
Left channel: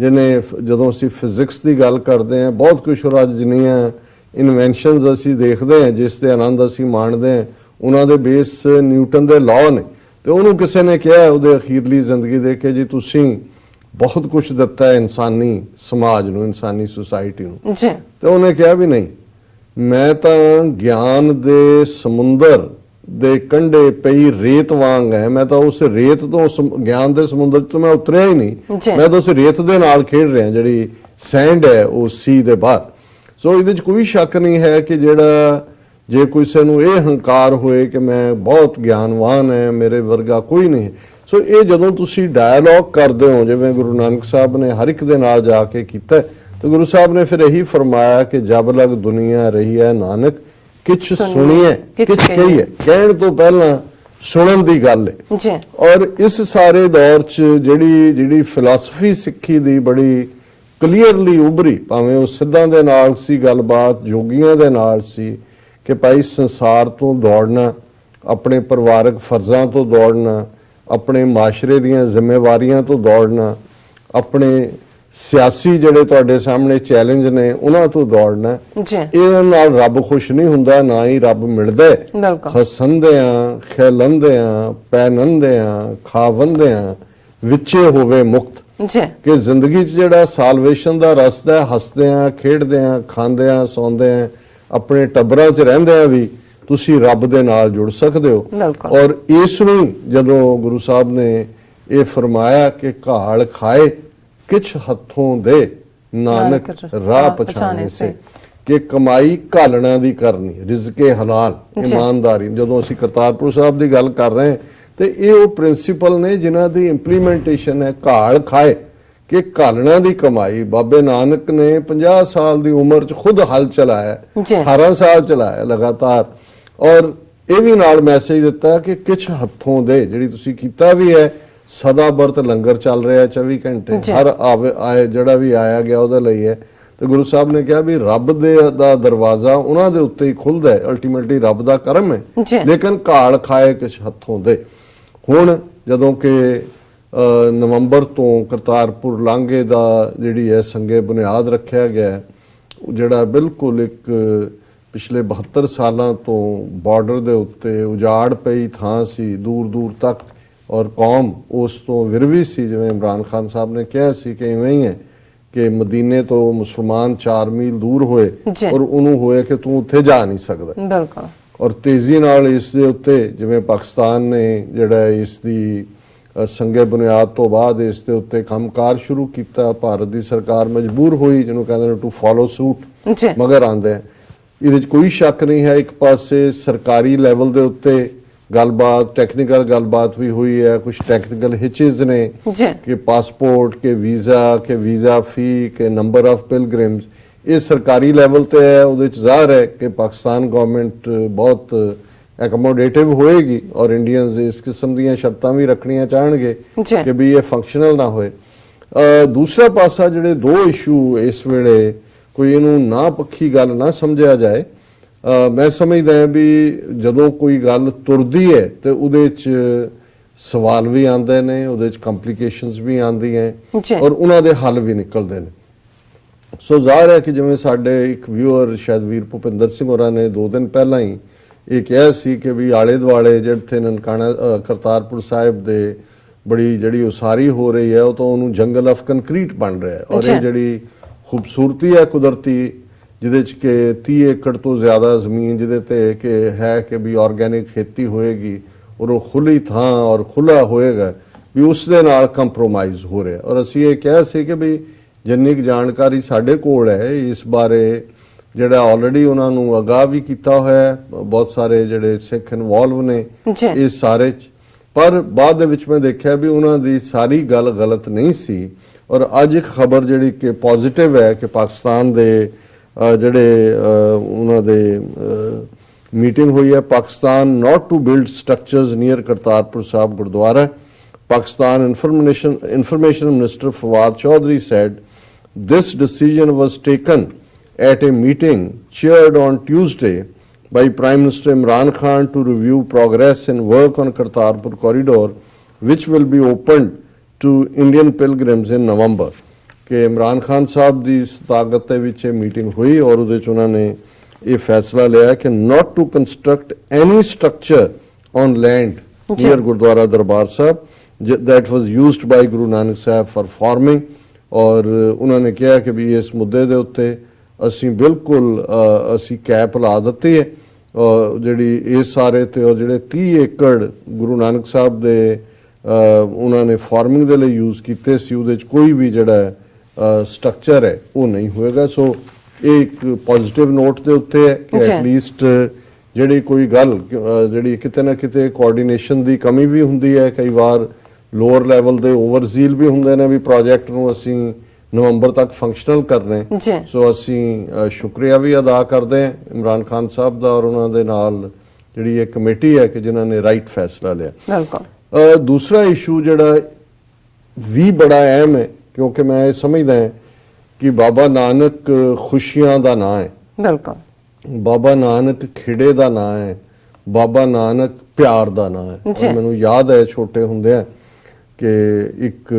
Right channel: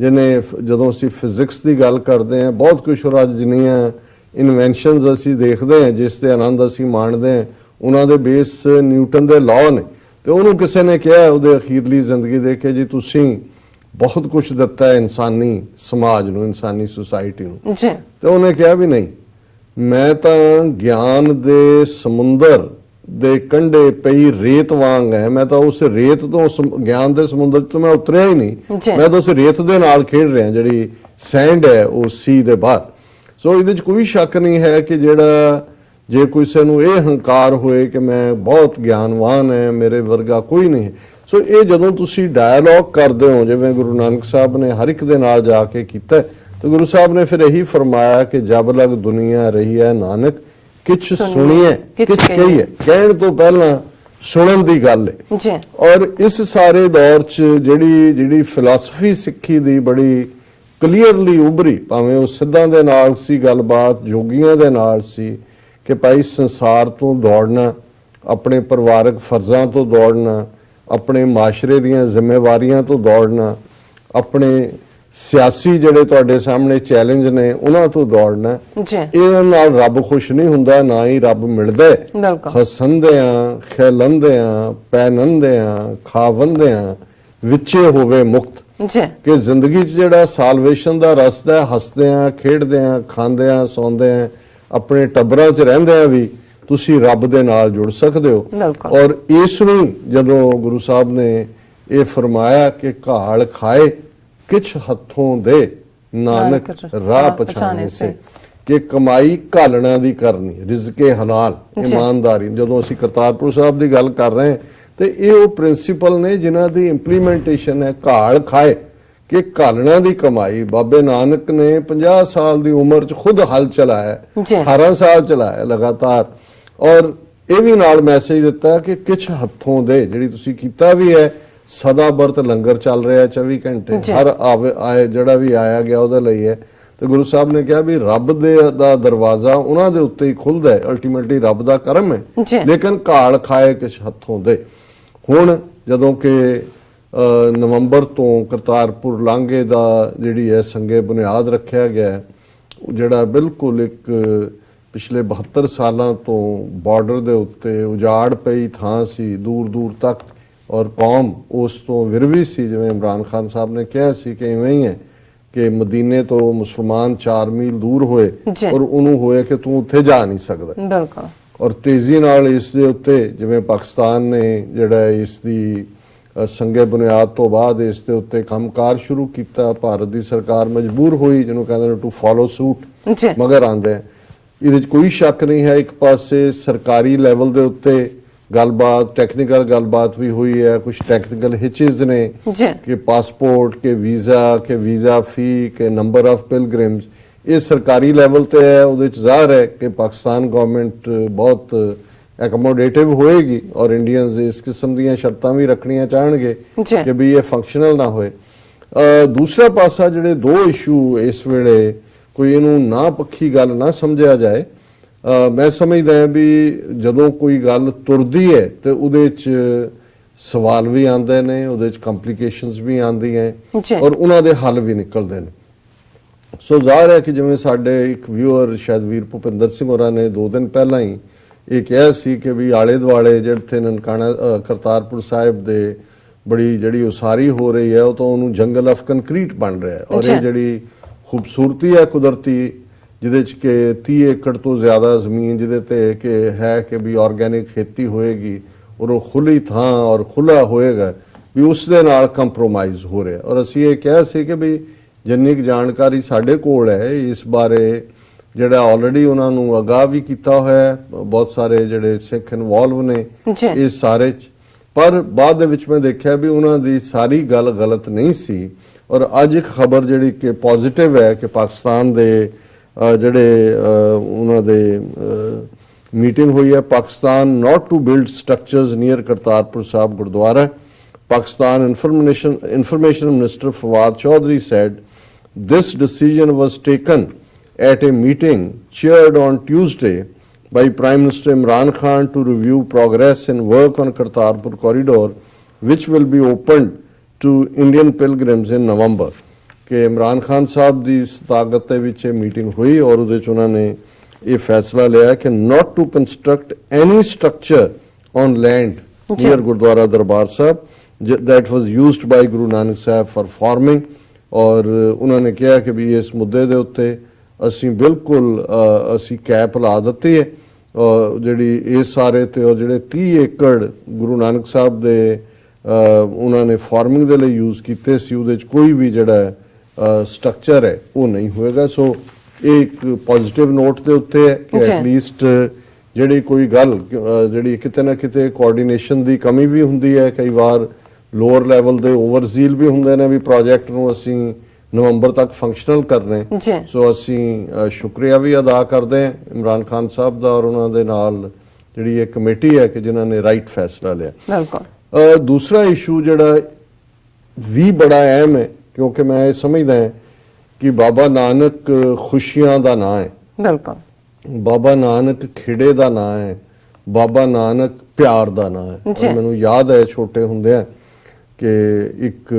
ਜਿਹਨੇ ਜਦੋਂ ਅਸੀਂ ਫਿਜ਼ਿਕਸ ਦੀ ਗੱਲ ਕਰਦੇ ਹਾਂ ਬਹੁਤ ਕੁਝ ਅੱਜ ਜਿੰਨੀਆਂ ਇਨਵੈਂਸ਼ਨਸ ਅਸੀਂ ਦੇਖਦੇ ਹਾਂ ਜਿਸ ਦੇ ਆਨੰਦ ਅਸੀਂ ਮਾਣਦੇ ਹਾਂ ਉਹਨਾਂ ਦੇ ਬੇਸ ਨਿਊਟਨ ਦੇ ਲਾਅ ਨੇ। ਤੇ ਉਹਨੂੰ ਕਿਸੇ ਨੇ ਕਿਹਾ ਉਹਦੇ ਅਖੀਰਲੀ ਜ਼ਿੰਦਗੀ ਦੇ ਕੇ ਜੀ ਤੁਸੀਂ ਬਹੁਤ ਕੁਝ ਦਿੱਤਾ ਹੈ ਇਨਸਾਨੀ ਸਮਾਜ ਨੂੰ, ਇਨਸਾਨੀ ਸੁਸਾਇਟੀ ਨੂੰ। ਤੇ ਉਹਨੇ ਕਿਹਾ ਵੀ ਨਹੀਂ, ਮੈਂ ਤਾਂ ਗਿਆਨ ਦੇ ਸਮੁੰਦਰ ਦੇ ਕੰਢੇ ਪਈ ਰੇਤ ਵਾਂਗ ਹੈ, ਮੈਂ ਤਾਂ ਉਸ ਰੇਤ ਤੋਂ ਗਿਆਨ ਦੇ ਸਮੁੰਦਰ ਤੋਂ ਮੈਂ ਉਤਰਿਆ ਹੀ ਨਹੀਂ, ਮੈਂ ਤਾਂ ਉਸ ਰੇਤ ਦੇ ਨਾਲ ਖੇਡ ਰਿਹਾ ਜਿਹੜੀ ਸੈਂਡ ਹੈ ਉਹ ਸੀ ਦੇ ਬਾਹਰ। ਸੋ ਇਹਦੇ 'ਚ ਕੋਈ ਸ਼ੱਕ ਨਹੀਂ ਹੈ ਕਿ ਜਿਹੜਾ ਜੇ ਕਿਸੇ ਨੂੰ ਇਹ ਹੰਕਾਰ ਹੋਏ ਕਿ ਮੈਂ ਬਹੁਤ ਗਿਆਨਵਾਨ ਹੈ, ਮੇਰੇ ਵਰਗਾ ਕੋਈ ਨਹੀਂ। ਸੋ ਇਹ ਜਦੋਂ ਤੁਸੀਂ ਡਾਇਲੌਗ ਕਰਦੇ ਹੋ ਜਿਵੇਂ ਗੁਰੂ ਨਾਨਕ ਸਾਹਿਬ ਨੇ ਹਰ ਇੱਕ ਦੇ ਨਾਲ ਜਾ ਕੇ ਕੀਤਾ ਤੇ ਗੁਰੂ ਸਾਹਿਬ ਨੇ ਫਿਰ ਇਹੀ ਫਰਮਾਇਆ ਕਿ ਜਬ ਲਗ ਦੁਨੀਆ ਰਹੀ ਹੈ ਨਾਨਕ ਕਿਛ ਸੁਣੀਏ ਕਿਛ ਕਹੀਏ। ਕਹਿਣ ਤੋਂ ਪਹਿਲਾਂ ਸੁਣਨ ਦੀ ਗੱਲ ਹੈ। ਔਰ ਇਸ ਸਾਰੇ ਦੌਰ 'ਚ ਜਿਹੜੀ ਫਿਲਾਸਫੀ ਸਿੱਖੀ ਦੀ ਬੜੀ ਕਲੀਅਰਲੀ ਉਭਰੀ, ਭਾਵੇਂ ਉਹ ਸਿੱਧਾਂ ਦੇ ਨਾਲ ਸੀ ਗੱਲਬਾਤ, ਯੋਗੀਆਂ ਦੇ ਨਾਲ ਸੀ ਕਿ ਭਾਈ ਸੰਸਾਰ ਤੋਂ ਦੌੜਨਾ, ਆਪਣੇ ਪਰਿਵਾਰਕ ਫਰਜ਼ਾਂ ਤੋਂ ਦੌੜਨਾ, ਆਪਣੇ ਮਾਸ਼ਰੇ ਦੀਆਂ ਜ਼ਿੰਮੇਵਾਰੀਆਂ ਤੋਂ ਦੌੜਨਾ, ਆਪਣੇ ਸਿਆਸੀ ਜਿਹੜੇ ਤੁਹਾਡੇ ਸਾਹਮਣੇ ਚੈਲੰਜ ਨੇ ਉਹਨਾਂ ਤੋਂ ਦੌੜਨਾ। ਇਹਨਾਂ ਨਾਲ ਰੱਬ ਖੁਸ਼ ਨਹੀਂ ਹੁੰਦਾ, ਨਾ ਹੀ ਰੱਬ ਮਿਲਦੇ। ਹਸੰਦਿਆਂ ਖੇਲੰਦਿਆਂ ਪੈਨੰਦਿਆਂ ਖਾਵੰਦਿਆਂ ਵਿੱਚੇ ਹੋਵੇ ਮੁਕਤ ਕਿ ਜ਼ਿੰਦਗੀ 'ਚ ਜਿਹੜਾ ਸਾਲਵੇਸ਼ਨ ਦਾ ਰਸਤਾ ਹੈ, ਹੱਸਦਿਆਂ ਖੇਡਦਿਆਂ ਖਾਂਦਿਆਂ ਸੌਂਦਿਆਂ ਆਪਣੇ ਟੱਬਰਾਂ 'ਚ ਰਹਿੰਦਿਆਂ ਵੀ ਤੁਸੀਂ ਰੱਬ ਦੇ ਨਾਲ ਜੁੜ ਸਕਦੇ ਹੋ। ਔਰ ਇਸ ਨੂੰ ਜਦੋਂ ਗੁਰੂ ਸਾਹਿਬ ਨੇ ਇਹ ਫਰਮਾਇਆ ਕਿ ਘਾਲ ਖਾਏ ਕਿਛ ਹੱਥੋਂ ਦੇ ਨਾਨਕ ਰਾਹ ਪਛਾਣੇ ਸੇ ਕਿ ਕਮਾਈ ਘਾਲਣਾ ਦੀ ਕਰਨੀ, ਰਿਜ਼ਕੇ ਹਲਾਲ, ਇਮਾਨਦਾਰੀ। ਜਦੋਂ ਅਸੀਂ ਕਰਤਾਰਪੁਰ ਸਾਹਿਬ ਦੀ ਗੱਲ ਕਰ ਰਹੇ ਹਾਂ ਤੇ ਇਹ ਉਹ ਪ੍ਰਿੰਸੀਪਲ ਨੇ ਜਿਨ੍ਹਾਂ ਦੀ ਇੰਪਲੀਮੈਂਟੇਸ਼ਨ ਹੈ। ਘਾਲ ਖਾਏ ਕਿ ਘਾਲਣਾ ਦੀ ਕਮਾਈ। ਬਾਬੇ ਨਾਨਕ ਨੇ 50 ਸਾਲ ਦੀ ਉਮਰ 'ਚ ਖੁਦ ਹਲ ਚਲਾਇਆ, 18 ਸਾਲ ਚਲਾਇਆ ਲਗਾਤਾਰ ਔਰ ਇਹ ਵੀ ਨਾਲ ਮੈਸੇਜ ਦਿੱਤਾ ਕਿ ਕਿਛ ਹੱਥੋਂ ਦੇ ਜਿਹੜੀ ਤੁਸੀਂ ਕੀਤਾ ਵੀ ਹੈ। ਸਦਾ ਬਰਤ ਲੰਗਰ ਚੱਲ ਰਿਹਾ 24 ਘੰਟੇ, ਹਰ ਆਏ ਜਿਹੜਾ ਵੀ ਆਇਆ ਗਿਆ ਉਹਦੇ ਲਈ ਹੈ। ਤੇ ਗੁਰੂ ਸਾਹਿਬ ਨੇ ਕਿਹਾ ਵੀ ਰੱਬ ਦਾ ਦਰਵਾਜ਼ਾ ਉਹਨਾਂ ਦੇ ਉੱਤੇ ਹੀ ਖੁੱਲਦਾ ਹੈ, ਅਲਟੀਮੇਟਲੀ ਰੱਬ ਦਾ ਕਰਮ ਹੈ। ਲੇਕਿਨ ਘਾਲ ਖਾਏ ਕਿਛ ਹੱਥੋਂ ਦੇ। ਹੁਣ ਜਦੋਂ ਕਿ ਨਵੰਬਰ ਤੋਂ ਕਰਤਾਰਪੁਰ ਲਾਂਘੇ ਦਾ ਜਿਹੜੀ ਹੈ ਸੰਗੇ ਬੁਨਿਆਦ ਰੱਖਿਆ ਗਿਆ ਹੈ, ਜਿਹੜਾ ਬਿਲਕੁਲ ਇੱਕ ਪਿਛਲੇ 72 ਸਾਲਾਂ ਤੋਂ ਬਾਰਡਰ ਦੇ ਉੱਤੇ ਉਜਾੜ ਪਈ ਥਾਂ ਸੀ ਦੂਰ ਦੂਰ ਤੱਕ, ਔਰ ਕੌਮ ਉਸ ਤੋਂ ਵਿਰਵੀ ਸੀ। ਜਿਵੇਂ ਇਮਰਾਨ ਖਾਨ ਸਾਹਿਬ ਨੇ ਕਿਹਾ ਸੀ ਕਿ ਇਵੇਂ ਹੀ ਹੈ ਕਿ ਮਦੀਨੇ ਤੋਂ ਮੁਸਲਮਾਨ 4 ਮੀਲ ਦੂਰ ਹੋਏ ਔਰ ਉਹਨੂੰ ਹੋਏ ਕਿ ਤੂੰ ਉੱਥੇ ਜਾ ਨਹੀਂ ਸਕਦਾ। ਬਿਲਕੁਲ। ਔਰ ਤੇਜ਼ੀ ਨਾਲ ਇਸ ਦੇ ਉੱਤੇ ਜਿਵੇਂ ਪਾਕਿਸਤਾਨ ਨੇ ਜਿਹੜਾ ਇਸ ਦੀ ਸੰਗੇ ਬੁਨਿਆਦ ਤੋਂ ਬਾਅਦ ਇਸ ਦੇ ਉੱਤੇ ਕੰਮਕਾਰ ਸ਼ੁਰੂ ਕੀਤਾ, ਭਾਰਤ ਦੀ ਸਰਕਾਰ ਮਜਬੂਰ ਹੋਈ, ਜਿਹਨੂੰ ਕਹਿੰਦੇ ਨੇ ਟੂ ਫੋਲੋ ਸੂਟ, ਮਗਰ ਆਂਦੇ ਇਹਦੇ 'ਚ ਕੋਈ ਸ਼ੱਕ ਨਹੀਂ ਹੈ। ਇੱਕ ਪਾਸੇ ਸਰਕਾਰੀ ਲੈਵਲ ਦੇ ਉੱਤੇ ਗੱਲਬਾਤ, ਟੈਕਨੀਕਲ ਗੱਲਬਾਤ ਵੀ ਹੋਈ ਹੈ, ਕੁਝ ਟੈਕਨੀਕਲ ਹਿਚਿਸ ਨੇ ਕਿ ਪਾਸਪੋਰਟ ਕੇ ਵੀਜ਼ਾ ਫੀ ਕੇ ਨੰਬਰ ਆਫ ਪਿਲਗ੍ਰਿਮਸ, ਇਹ ਸਰਕਾਰੀ ਲੈਵਲ ਤੇ ਹੈ। ਉਹਦੇ 'ਚ ਜ਼ਾਹਰ ਹੈ ਕਿ ਪਾਕਿਸਤਾਨ ਗਵਰਨਮੈਂਟ ਬਹੁਤ ਐਕਮੋਡੇਟਿਵ ਹੋਏਗੀ ਔਰ ਇੰਡੀਅਨਸ ਇਸ ਕਿਸਮ ਦੀਆਂ ਸ਼ਰਤਾਂ ਵੀ ਰੱਖਣੀਆਂ ਚਾਹਣਗੇ ਕਿ ਵੀ ਇਹ ਫੰਕਸ਼ਨਲ ਨਾ ਹੋਏ। ਦੂਸਰਾ ਪਾਸਾ ਜਿਹੜੇ ਦੋ ਇਸ਼ੂ ਇਸ ਵੇਲੇ ਕੋਈ ਇਹਨੂੰ ਨਾ ਪੱਖੀ ਗੱਲ ਨਾ ਸਮਝਿਆ ਜਾਏ, ਮੈਂ ਸਮਝਦਾ ਵੀ ਜਦੋਂ ਕੋਈ ਗੱਲ ਤੁਰਦੀ ਹੈ ਤੇ ਉਹਦੇ 'ਚ ਸਵਾਲ ਵੀ ਆਉਂਦੇ ਨੇ, ਉਹਦੇ 'ਚ ਕੰਪਲਿਕੇਸ਼ਨਸ ਵੀ ਆਉਂਦੀਆਂ ਔਰ ਉਹਨਾਂ ਦੇ ਹੱਲ ਵੀ ਨਿਕਲਦੇ ਨੇ। ਸੋ ਜ਼ਾਹਰ ਹੈ ਕਿ ਜਿਵੇਂ ਸਾਡੇ ਇੱਕ ਵਿਊਅਰ ਸ਼ਾਇਦ ਵੀਰ ਭੁਪਿੰਦਰ ਸਿੰਘ ਹੋਰਾਂ ਨੇ 2 ਦਿਨ ਪਹਿਲਾਂ ਹੀ ਇਹ ਕਿਹਾ ਸੀ ਕਿ ਵੀ ਆਲੇ ਦੁਆਲੇ ਜਿਹੜੇ ਨਨਕਾਣਾ ਕਰਤਾਰਪੁਰ ਸਾਹਿਬ ਦੇ ਬੜੀ ਜਿਹੜੀ ਉਸਾਰੀ ਹੋ ਰਹੀ ਹੈ, ਉਹ ਤਾਂ ਉਹਨੂੰ ਜੰਗਲ ਆਫ ਕੰਕਰੀਟ ਬਣ ਰਿਹਾ ਹੈ। ਔਰ ਇਹ ਜਿਹੜੀ ਖੂਬਸੂਰਤੀ ਹੈ ਕੁਦਰਤੀ, ਜਿਹਦੇ 'ਚ ਕਿ 30 ਏਕੜ ਤੋਂ ਜ਼ਿਆਦਾ ਜ਼ਮੀਨ ਜਿਹਦੇ ਤੇ ਕਿ ਹੈ ਕਿ ਵੀ ਆਰਗੈਨਿਕ ਖੇਤੀ ਹੋਏਗੀ ਔਰ ਉਹ ਖੁੱਲੀ ਥਾਂ ਔਰ ਖੁੱਲਾ ਹੋਏਗਾ, ਵੀ ਉਸ ਦੇ ਨਾਲ ਕੰਪਰੋਮਾਈਜ਼ ਹੋ ਰਿਹਾ। ਔਰ ਅਸੀਂ ਇਹ ਕਿਹਾ ਸੀ ਕਿ ਵੀ ਜਿੰਨੀ ਕੁ ਜਾਣਕਾਰੀ ਸਾਡੇ ਕੋਲ ਹੈ ਇਸ ਬਾਰੇ, ਜਿਹੜਾ ਆਲਰੇਡੀ ਉਹਨਾਂ ਨੂੰ ਅਗਾਹ ਵੀ ਕੀਤਾ ਹੋਇਆ ਹੈ, ਬਹੁਤ ਸਾਰੇ ਜਿਹੜੇ ਸਿੱਖ ਇਨਵੋਲਵ ਨੇ ਇਸ ਸਾਰੇ 'ਚ, ਪਰ ਬਾਅਦ ਦੇ ਵਿੱਚ ਮੈਂ ਦੇਖਿਆ ਵੀ ਉਹਨਾਂ ਦੀ ਸਾਰੀ ਗੱਲ ਗਲਤ ਨਹੀਂ ਸੀ। ਔਰ ਅੱਜ ਇੱਕ ਖਬਰ ਜਿਹੜੀ ਕਿ ਪੋਜ਼ਿਟਿਵ ਹੈ ਕਿ ਪਾਕਿਸਤਾਨ ਦੇ ਜਿਹੜੇ ਉਹਨਾਂ ਦੇ ਮੀਟਿੰਗ ਹੋਈ ਹੈ, Pakistan not to build structures near Kartarpur Sahib Gurdwara. Pakistan Information Minister Fawad Chaudhry said this decision was taken at a meeting chaired on Tuesday by Prime Minister Imran Khan to review progress and work on Kartarpur corridor, which will be opened to Indian pilgrims in November. ਕਿ ਇਮਰਾਨ ਖਾਨ ਸਾਹਿਬ ਦੀ ਸਤਾਗਤ ਦੇ ਵਿੱਚ ਇਹ meeting ਹੋਈ ਔਰ ਉਹਦੇ 'ਚ ਉਹਨਾਂ ਨੇ ਇਹ ਫੈਸਲਾ ਲਿਆ ਕਿ not to construct any structure on land near Gurdwara Darbar Sahib that was used by Guru Nanak Sahib for farming। ਔਰ ਉਹਨਾਂ ਨੇ ਕਿਹਾ ਕਿ ਵੀ ਇਸ ਮੁੱਦੇ ਦੇ ਉੱਤੇ ਅਸੀਂ ਬਿਲਕੁਲ ਅਸੀਂ ਕੈਪ ਲਾ ਦਿੱਤੀ ਹੈ ਜਿਹੜੀ ਇਸ ਸਾਰੇ ਤੇ, ਔਰ ਜਿਹੜੇ 30 ਏਕੜ ਗੁਰੂ ਨਾਨਕ ਸਾਹਿਬ ਦੇ ਉਹਨਾਂ ਨੇ ਫਾਰਮਿੰਗ ਦੇ ਲਈ ਯੂਜ਼ ਕੀਤੇ ਸੀ, ਉਹਦੇ 'ਚ ਕੋਈ ਵੀ ਜਿਹੜਾ ਸਟਰਕਚਰ ਹੈ ਉਹ ਨਹੀਂ ਹੋਏਗਾ। ਸੋ ਇਹ ਇੱਕ ਪੋਜ਼ਿਟਿਵ ਨੋਟ ਦੇ ਉੱਤੇ ਹੈ ਕਿ ਐਟਲੀਸਟ ਜਿਹੜੀ ਕੋਈ ਗੱਲ ਜਿਹੜੀ ਕਿਤੇ ਨਾ ਕਿਤੇ ਕੋਆਰਡੀਨੇਸ਼ਨ ਦੀ ਕਮੀ ਵੀ ਹੁੰਦੀ ਹੈ, ਕਈ ਵਾਰ ਲੋਅਰ ਲੈਵਲ ਦੇ ਓਵਰਜ਼ੀਲ ਵੀ ਹੁੰਦੇ ਨੇ ਵੀ ਪ੍ਰੋਜੈਕਟ ਨੂੰ ਅਸੀਂ ਨਵੰਬਰ ਤੱਕ ਫੰਕਸ਼ਨਲ ਕਰਨੇ। ਸੋ ਅਸੀਂ ਸ਼ੁਕਰੀਆ ਵੀ ਅਦਾ ਕਰਦੇ ਹਾਂ ਇਮਰਾਨ ਖਾਨ ਸਾਹਿਬ ਦਾ ਔਰ ਉਹਨਾਂ ਦੇ ਨਾਲ ਜਿਹੜੀ ਇਹ ਕਮੇਟੀ ਹੈ ਕਿ ਜਿਨ੍ਹਾਂ ਨੇ ਰਾਈਟ ਫੈਸਲਾ ਲਿਆ। ਦੂਸਰਾ ਇਸ਼ੂ ਜਿਹੜਾ ਵੀ ਬੜਾ ਅਹਿਮ ਹੈ, ਕਿਉਂਕਿ ਮੈਂ ਇਹ ਸਮਝਦਾ ਹਾਂ ਕਿ ਬਾਬਾ ਨਾਨਕ ਖੁਸ਼ੀਆਂ ਦਾ ਨਾਂ ਹੈ, ਬਾਬਾ ਨਾਨਕ ਖਿੜੇ ਦਾ ਨਾਂ ਹੈ, ਬਾਬਾ ਨਾਨਕ ਪਿਆਰ ਦਾ ਨਾਂ ਹੈ। ਔਰ ਮੈਨੂੰ ਯਾਦ ਹੈ ਛੋਟੇ ਹੁੰਦਿਆਂ ਕਿ ਇੱਕ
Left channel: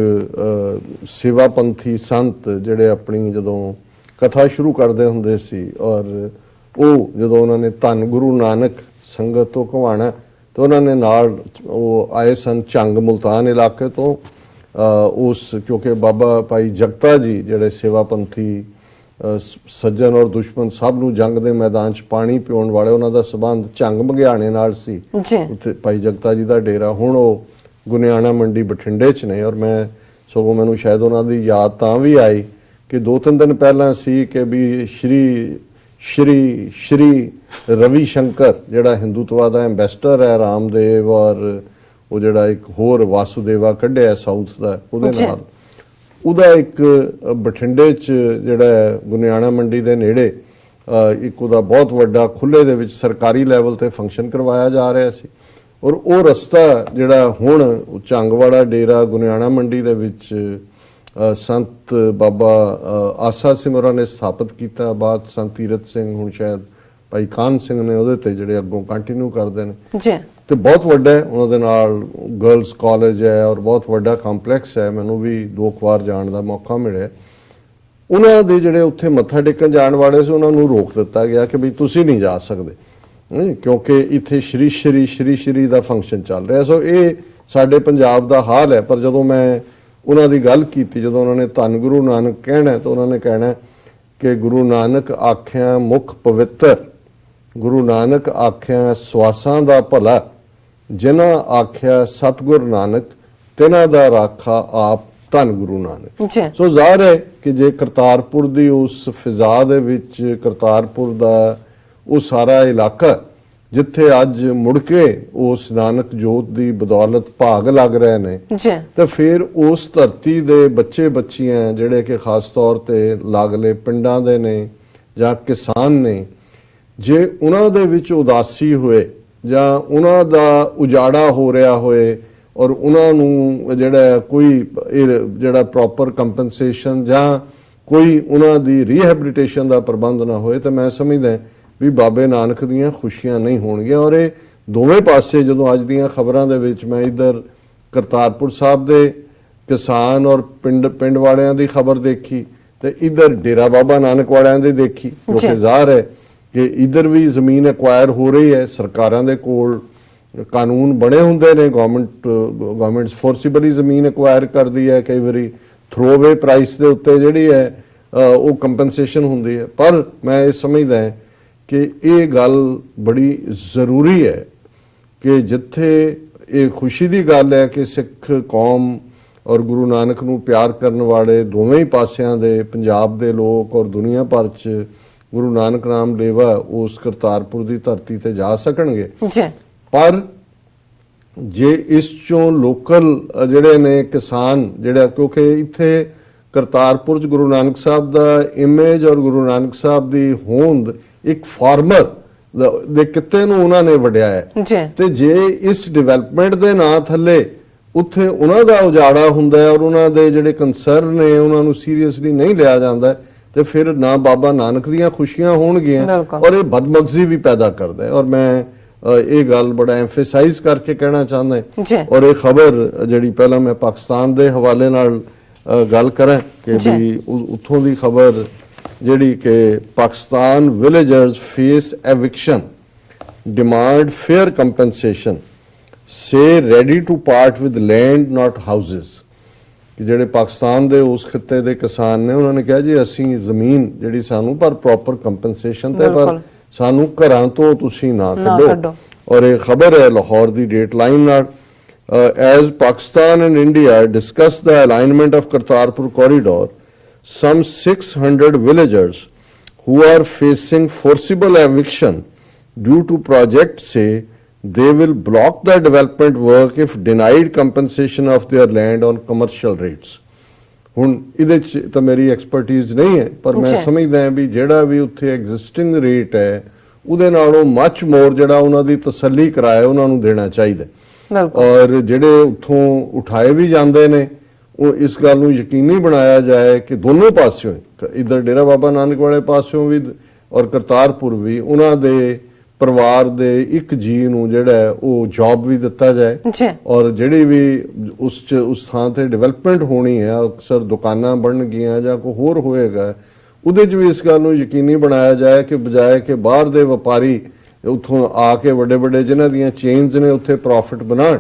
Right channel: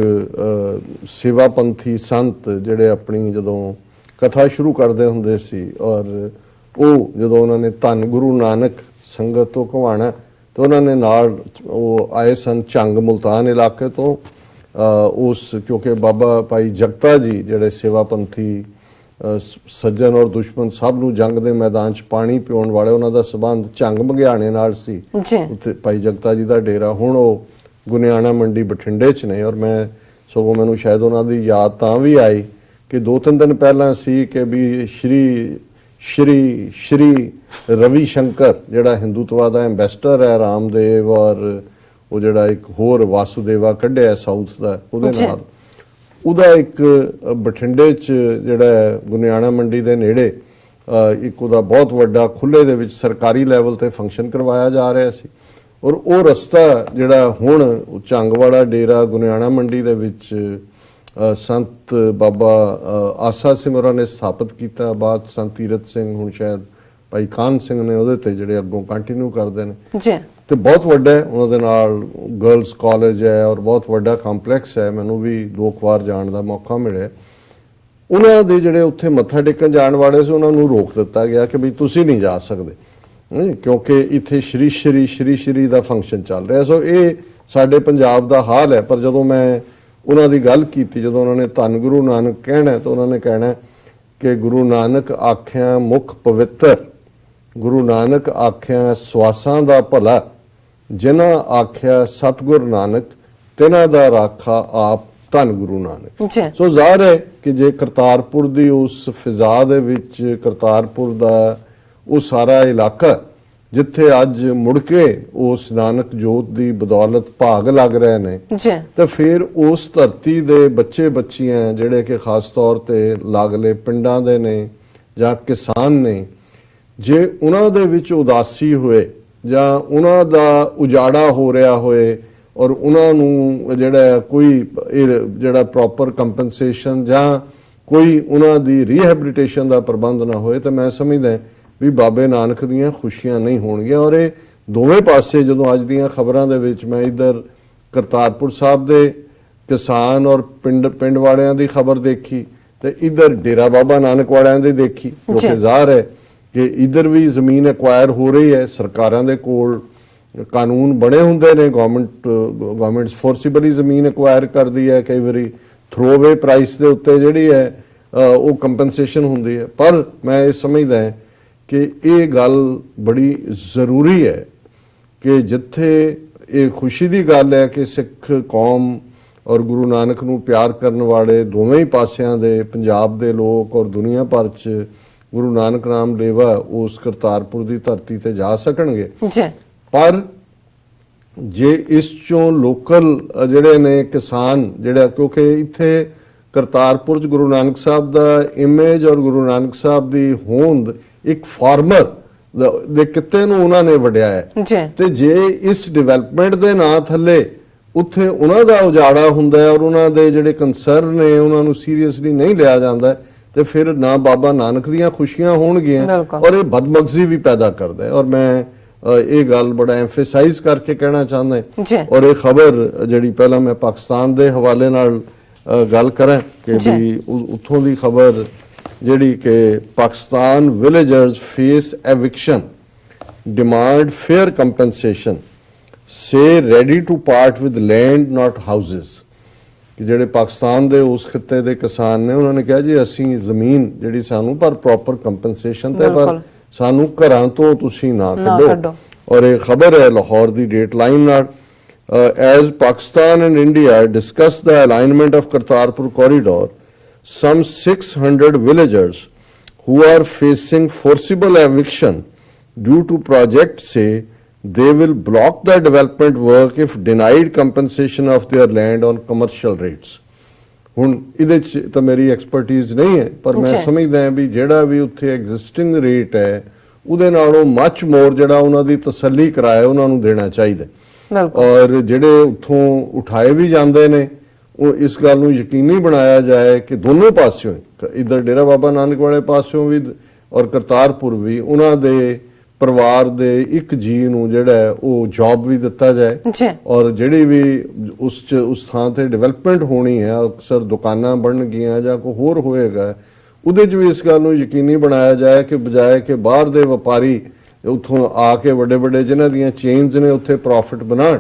ਸੇਵਾ ਪੰਥੀ ਸੰਤ ਜਿਹੜੇ ਆਪਣੀ ਜਦੋਂ ਕਥਾ ਸ਼ੁਰੂ ਕਰਦੇ ਹੁੰਦੇ ਸੀ ਔਰ ਉਹ ਜਦੋਂ ਉਹਨਾਂ ਨੇ ਧੰਨ ਗੁਰੂ ਨਾਨਕ ਸੰਗਤ ਤੋਂ ਘਵਾਣਾ ਤਾਂ ਉਹਨਾਂ ਨੇ ਨਾਲ ਉਹ ਆਏ ਸਨ ਝੰਗ ਮੁਲਤਾਨ ਇਲਾਕੇ ਤੋਂ, ਉਸ ਕਿਉਂਕਿ ਬਾਬਾ ਭਾਈ ਜਗਤਾ ਜੀ ਜਿਹੜੇ ਸੇਵਾ ਪੰਥੀ ਸੱਜਣ ਔਰ ਦੁਸ਼ਮਣ ਸਭ ਨੂੰ ਜੰਗ ਦੇ ਮੈਦਾਨ 'ਚ ਪਾਣੀ ਪਿਉਣ ਵਾਲੇ, ਉਹਨਾਂ ਦਾ ਸਬੰਧ ਝੰਗ ਮਗਿਆਣੇ ਨਾਲ ਸੀ। ਉੱਥੇ ਭਾਈ ਜਗਤਾ ਜੀ ਦਾ ਡੇਰਾ ਹੁਣ ਉਹ ਗੁਨਿਆਣਾ ਮੰਡੀ ਬਠਿੰਡੇ 'ਚ ਨੇ। ਔਰ ਮੈਂ ਸਗੋਂ ਮੈਨੂੰ ਸ਼ਾਇਦ ਉਹਨਾਂ ਦੀ ਯਾਦ ਤਾਂ ਵੀ ਆਈ ਕਿ 2-3 ਦਿਨ ਪਹਿਲਾਂ ਸੀ ਕਿ ਵੀ ਸ਼੍ਰੀ ਰਵੀ ਸ਼ੰਕਰ ਜਿਹੜਾ ਹਿੰਦੂਤਵਾ ਦਾ ਐਂਬੈਸਡਰ ਹੈ, ਰਾਮਦੇਵ ਔਰ ਉਹ ਜਿਹੜਾ ਇੱਕ ਹੋਰ ਵਾਸੂਦੇਵਾ ਕੱਢਿਆ ਸਾਊਥ ਦਾ, ਉਹਦੇ ਨਾਲ ਉਹਦਾ ਇੱਕ ਬਠਿੰਡੇ 'ਚ ਜਿਹੜਾ ਗੁਨਿਆਣਾ ਮੰਡੀ ਦੇ ਨੇੜੇ ਇੱਕ ਉਹਦਾ ਬਹੁਤ ਵੱਡਾ ਖੁੱਲੇ ਦੇ ਵਿੱਚ ਸਰਕਾਰੀ ਲੈਵਲ ਤੇ ਫੰਕਸ਼ਨ ਕਰਵਾਇਆ ਜਾ ਰਿਹਾ ਸੀ। ਔਰ ਉਹ ਰਸਤਾ ਜਿਹੜਾ ਹੁਣ ਝੰਗਵਾੜਾ ਡੇਰਾ ਗੁਨਿਆਣਾ ਮੰਡੀ ਦੇ ਵਿੱਚ ਸੰਤ ਬਾਬਾ ਆਸਾ ਸਿੰਘ ਹੋਰਾਂ ਨੇ ਸਥਾਪਿਤ ਕੀਤਾ, ਬਾਅਦ ਸੰਤ ਤੀਰਥ ਸਿੰਘ, ਹੁਣ ਸ਼ਾਇਦ ਭਾਈ ਖਾਨ ਸਿੰਘ ਨੇ ਉਹਦੇ ਤੇ ਜਿਹੜੇ ਅੱਗੋਂ ਕੰਟੀਨਿਊ ਕਰਦੇ ਨੇ। ਤੇ ਬਹੁਤ ਵੱਡਾ ਹੈ, ਉਹਨਾਂ ਦੇ ਨਾਲ ਗਰਲਸ ਕਾਲਜ ਹੈ ਔਰ ਬਹੁਤ ਵੱਡਾ ਕੰਪਲੈਕਸ ਹੈ। ਮੈਨੂੰ ਵੀ 2 ਵਾਰ ਜਾਣ ਦਾ ਮੌਕਾ ਮਿਲਿਆ। ਉਹਨਾਂ ਦੇ ਜਿਹੜੇ ਉੱਥੇ ਮੱਥਾ ਟੇਕਣ ਜਾਣ ਵਾਲੇ ਸੀ ਉਹਨਾਂ ਨੂੰ ਰੋਕ ਦਿੱਤਾ ਗਿਆ ਕਿ ਵੀ ਤੁਸੀਂ ਨਹੀਂ ਜਾ ਸਕਦੇ, ਕਿਉਂਕਿ ਇੱਥੇ ਸ਼੍ਰੀ ਸ਼੍ਰੀ ਦਾ ਫੰਕਸ਼ਨ ਚੱਲ ਰਿਹਾ। ਸੋ ਇਹ ਸਾਡੇ ਪੰਜਾਬ ਦਾ ਹਾਲ ਹੈ। ਪਰ ਜਦੋਂ ਮੈਂ ਉਹਨਾਂ ਦੀ ਗੱਲ ਕੀਤੀ, ਜਦੋਂ ਉਹਨਾਂ ਨੇ ਧੰਨ ਗੁਰੂ ਨਾਨਕ ਕਹਿਣਾ ਤਾਂ ਉਹਨਾਂ ਨੇ ਕਹਿਣਾ ਕਿ ਗੁਰੂ ਨਾਨਕ ਆਖਿਆ ਮੁਖ ਪਵਿੱਤਰ, ਗੁਰੂ ਨਾਨਕ ਆਖਿਆ ਸਵਾਸਾਂ ਦਾ ਭਲਾ, ਜਿਨ੍ਹਾਂ ਆਖਿਆ ਸਤਿਗੁਰ ਨਾਨਕ, ਤਿਨਾਂ ਦਾ ਰਾਖਾ ਆਪ ਧੰਨ ਗੁਰੂ ਨਾਨਕ। ਸੋ ਜ਼ਾਹਰ ਹੈ ਕਿ ਜੇ ਕਰਤਾਰਪੁਰ ਦੀ ਉਸ ਫਿਜ਼ਾ ਦੇ ਵਿੱਚ, ਕਰਤਾਰਪੁਰ ਦਾ ਉਹ ਸਾਰਾ ਇਲਾਕਾ ਜਿੱਥੇ ਅੱਜ ਮੁੜ ਕੇ ਉਸ ਨਾਨਕ ਜੋਤ ਦੀ ਬਦੌਲਤ ਭਾਗ ਲੱਗ ਰਹੇ ਨੇ, ਤੇ ਫਿਰ ਉਸ ਧਰਤੀ ਦੇ ਬੱਚੇ ਬੱਚੀਆਂ ਜਿਹੜੇ ਕਿ ਖਾਸ ਤੌਰ ਤੇ ਲਾਗਲੇ ਪਿੰਡਾਂ ਦੇ ਨੇ ਜਾਂ ਕਿਸਾਨ ਨੇ, ਜੇ ਉਹਨਾਂ ਦੇ ਵਿੱਚ ਉਦਾਸੀ ਹੋਏ ਜਾਂ ਉਹਨਾਂ ਦਾ ਉਜਾੜਾ ਹੋ ਰਿਹਾ ਹੋਏ ਔਰ ਉਹਨਾਂ ਨੂੰ ਜਿਹੜਾ ਕੋਈ ਜਿਹੜਾ ਪ੍ਰੋਪਰ ਕੰਪਨਸੇਸ਼ਨ ਜਾਂ ਕੋਈ ਉਹਨਾਂ ਦੀ ਰੀਹੈਬਿਲਿਟੇਸ਼ਨ ਦਾ ਪ੍ਰਬੰਧ ਨਾ ਹੋਏ, ਤਾਂ ਮੈਂ ਸਮਝਦਾ ਵੀ ਬਾਬੇ ਨਾਨਕ ਦੀਆਂ ਖੁਸ਼ੀਆਂ ਨਹੀਂ ਹੋਣਗੀਆਂ। ਔਰ ਇਹ ਦੋਵੇਂ ਪਾਸੇ ਜਦੋਂ ਅੱਜ ਦੀਆਂ ਖਬਰਾਂ ਦੇ ਵਿੱਚ ਮੈਂ ਇੱਧਰ ਕਰਤਾਰਪੁਰ ਸਾਹਿਬ ਦੇ ਕਿਸਾਨ ਔਰ ਪਿੰਡ ਵਾਲਿਆਂ ਦੀ ਖਬਰ ਦੇਖੀ ਤੇ ਇੱਧਰ ਡੇਰਾ ਬਾਬਾ ਨਾਨਕ ਵਾਲਿਆਂ ਦੀ ਦੇਖੀ, ਕਿਉਂਕਿ ਜ਼ਾਹਰ ਹੈ ਕਿ ਇੱਧਰ ਵੀ ਜ਼ਮੀਨ ਐਕਵਾਇਰ ਹੋ ਰਹੀ ਹੈ। ਸਰਕਾਰਾਂ ਦੇ ਕੋਲ ਕਾਨੂੰਨ ਬਣੇ ਹੁੰਦੇ ਨੇ, ਗਵਰਨਮੈਂਟਸ ਫੋਰਸੀਬਲੀ ਜ਼ਮੀਨ ਐਕਵਾਇਰ ਕਰਦੀ ਹੈ, ਕਈ ਵਾਰੀ ਥਰੋਵੇ ਪ੍ਰਾਈਸ ਦੇ ਉੱਤੇ ਜਿਹੜੀ ਹੈ ਉਹ ਕੰਪਨਸੇਸ਼ਨ ਹੁੰਦੀ ਹੈ। ਪਰ ਮੈਂ ਇਹ ਸਮਝਦਾ ਕਿ ਇਹ ਗੱਲ ਬੜੀ ਜ਼ਰੂਰੀ ਹੈ ਕਿ ਜਿੱਥੇ ਇਹ ਖੁਸ਼ੀ ਦੀ ਗੱਲ ਹੈ ਕਿ ਸਿੱਖ ਕੌਮ ਔਰ ਗੁਰੂ ਨਾਨਕ ਨੂੰ ਪਿਆਰ ਕਰਨ ਵਾਲੇ ਦੋਵੇਂ ਹੀ ਪਾਸਿਆਂ ਦੇ ਪੰਜਾਬ ਦੇ ਲੋਕ ਔਰ ਦੁਨੀਆ ਭਰ 'ਚ ਗੁਰੂ ਨਾਨਕ ਨਾਮ ਲੇਵਾ ਉਸ ਕਰਤਾਰਪੁਰ ਦੀ ਧਰਤੀ ਤੇ ਜਾ ਸਕਣਗੇ। ਪਰ ਜੇ ਇਸ ਚੋਂ ਲੋਕਲ ਜਿਹੜੇ ਨੇ ਕਿਸਾਨ ਜਿਹੜਾ, ਕਿਉਂਕਿ ਇੱਥੇ ਕਰਤਾਰਪੁਰ 'ਚ ਗੁਰੂ ਨਾਨਕ ਸਾਹਿਬ ਦਾ ਇਮੇਜ ਔਰ ਗੁਰੂ ਨਾਨਕ ਸਾਹਿਬ ਦੀ ਹੋਂਦ ਇੱਕ ਫਾਰਮਰ ਦੇ ਕਿੱਤੇ ਨੂੰ ਉਹਨਾਂ ਨੇ ਵਡਿਆ ਹੈ, ਤੇ ਜੇ ਇਸ ਡਿਵੈਲਪਮੈਂਟ ਦੇ ਨਾਂ ਥੱਲੇ ਉੱਥੇ ਉਹਨਾਂ ਦਾ ਉਜਾੜਾ ਹੁੰਦਾ ਹੈ ਔਰ ਉਹਨਾਂ ਦੇ ਜਿਹੜੇ ਕੰਸਰਨ ਨੇ ਉਹਨਾਂ ਨੂੰ ਸੀਰੀਅਸਲੀ ਨਹੀਂ ਲਿਆ ਜਾਂਦਾ, ਤੇ ਫਿਰ ਨਾ ਬਾਬਾ ਨਾਨਕ ਦੀਆਂ ਖੁਸ਼ੀਆਂ ਹੋਣਗੀਆਂ ਔਰ ਇਹ ਬਦਮਗਜ਼ੀ ਵੀ ਪੈਦਾ ਕਰਦਾ ਹੈ। ਔਰ ਮੈਂ ਇਹ ਗੱਲ ਬੜਾ ਐਮਫੇਸਾਈਜ਼ ਕਰਕੇ ਕਹਿਣਾ ਚਾਹੁੰਦਾ। ਔਰ ਇਹ ਖਬਰ ਜਿਹੜੀ ਪਹਿਲਾਂ ਮੈਂ ਪਾਕਿਸਤਾਨ ਦੇ ਹਵਾਲੇ ਨਾਲ ਗੱਲ ਕਰਾਂ ਕਿ ਵੀ ਉੱਥੋਂ ਦੀ ਖਬਰ ਜਿਹੜੀ ਕਿ Pakistan villagers face eviction, demand fair compensation, say ready to part with land not houses. ਕਿ ਜਿਹੜੇ ਪਾਕਿਸਤਾਨ ਦੇ ਉਸ ਖਿੱਤੇ ਦੇ ਕਿਸਾਨ ਨੇ ਉਹਨਾਂ ਨੇ ਕਿਹਾ ਜੀ ਅਸੀਂ ਜ਼ਮੀਨ ਜਿਹੜੀ ਸਾਨੂੰ ਪਰ ਪ੍ਰੋਪਰ ਕੰਪਨਸੇਸ਼ਨ ਤੇ ਪਰ ਸਾਨੂੰ ਘਰਾਂ ਤੋਂ ਤੁਸੀਂ ਨਾ ਕੱਢੋ। ਔਰ ਇਹ ਖਬਰ ਹੈ ਲਾਹੌਰ ਦੀ ਡੇਟ ਲਾਈਨ ਨਾਲ, as Pakistan and India discuss the alignment of Kartarpur corridor, some 600 villagers who are facing forcible eviction due to project say they will block the development work if denied compensation of their land on commercial rates. ਹੁਣ ਇਹਦੇ 'ਚ ਤਾਂ ਮੇਰੀ expertise ਨਹੀਂ ਹੈ, ਪਰ ਮੈਂ ਸਮਝਦਾ ਹਾਂ ਵੀ ਜਿਹੜਾ ਵੀ ਉੱਥੇ ਐਗਜ਼ਿਸਟਿੰਗ ਰੇਟ ਹੈ ਉਹਦੇ ਨਾਲੋਂ ਮੱਚ ਮੋਰ ਜਿਹੜਾ ਉਹਨਾਂ ਦੀ ਤਸੱਲੀ ਕਿਰਾਇਆ ਉਹਨਾਂ ਨੂੰ ਦੇਣਾ ਚਾਹੀਦਾ। ਔਰ ਜਿਹੜੇ ਉੱਥੋਂ ਉਠਾਏ ਵੀ ਜਾਂਦੇ ਨੇ ਉਹ ਇਸ ਗੱਲ ਨੂੰ ਯਕੀਨੀ ਬਣਾਇਆ ਜਾਏ ਕਿ ਦੋਨੋਂ ਪਾਸਿਓਂ, ਇੱਧਰ ਡੇਰਾ ਬਾਬਾ ਨਾਨਕ ਵਾਲੇ ਪਾਸਿਓਂ ਵੀ ਔਰ ਕਰਤਾਰਪੁਰ ਵੀ, ਉਹਨਾਂ ਦੇ ਪਰਿਵਾਰ ਦੇ ਇੱਕ ਜੀ ਨੂੰ ਜਿਹੜਾ ਉਹ ਜੌਬ ਵੀ ਦਿੱਤਾ ਜਾਏ। ਔਰ ਜਿਹੜੀ ਵੀ ਉਸ ਥਾਂ ਤੇ ਡਿਵੈਲਪਮੈਂਟ ਹੋਣੀ ਹੈ, ਅਕਸਰ ਦੁਕਾਨਾਂ ਬਣਨਗੀਆਂ ਜਾਂ ਕੋਈ ਹੋਰ ਹੋਏਗਾ, ਉਹਦੇ 'ਚ ਵੀ ਇਸ ਗੱਲ ਨੂੰ ਯਕੀਨੀ ਬਣਾਇਆ ਜਾਏ ਕਿ ਬਜਾਏ ਕਿ ਬਾਹਰ ਦੇ ਵਪਾਰੀ ਉੱਥੋਂ ਆ ਕੇ ਵੱਡੇ ਵੱਡੇ ਜਿਨ੍ਹਾਂ ਦੀਆਂ ਚੇਨਸ ਨੇ ਉੱਥੇ ਪ੍ਰੋਫਿਟ ਬਣਾਉਣ,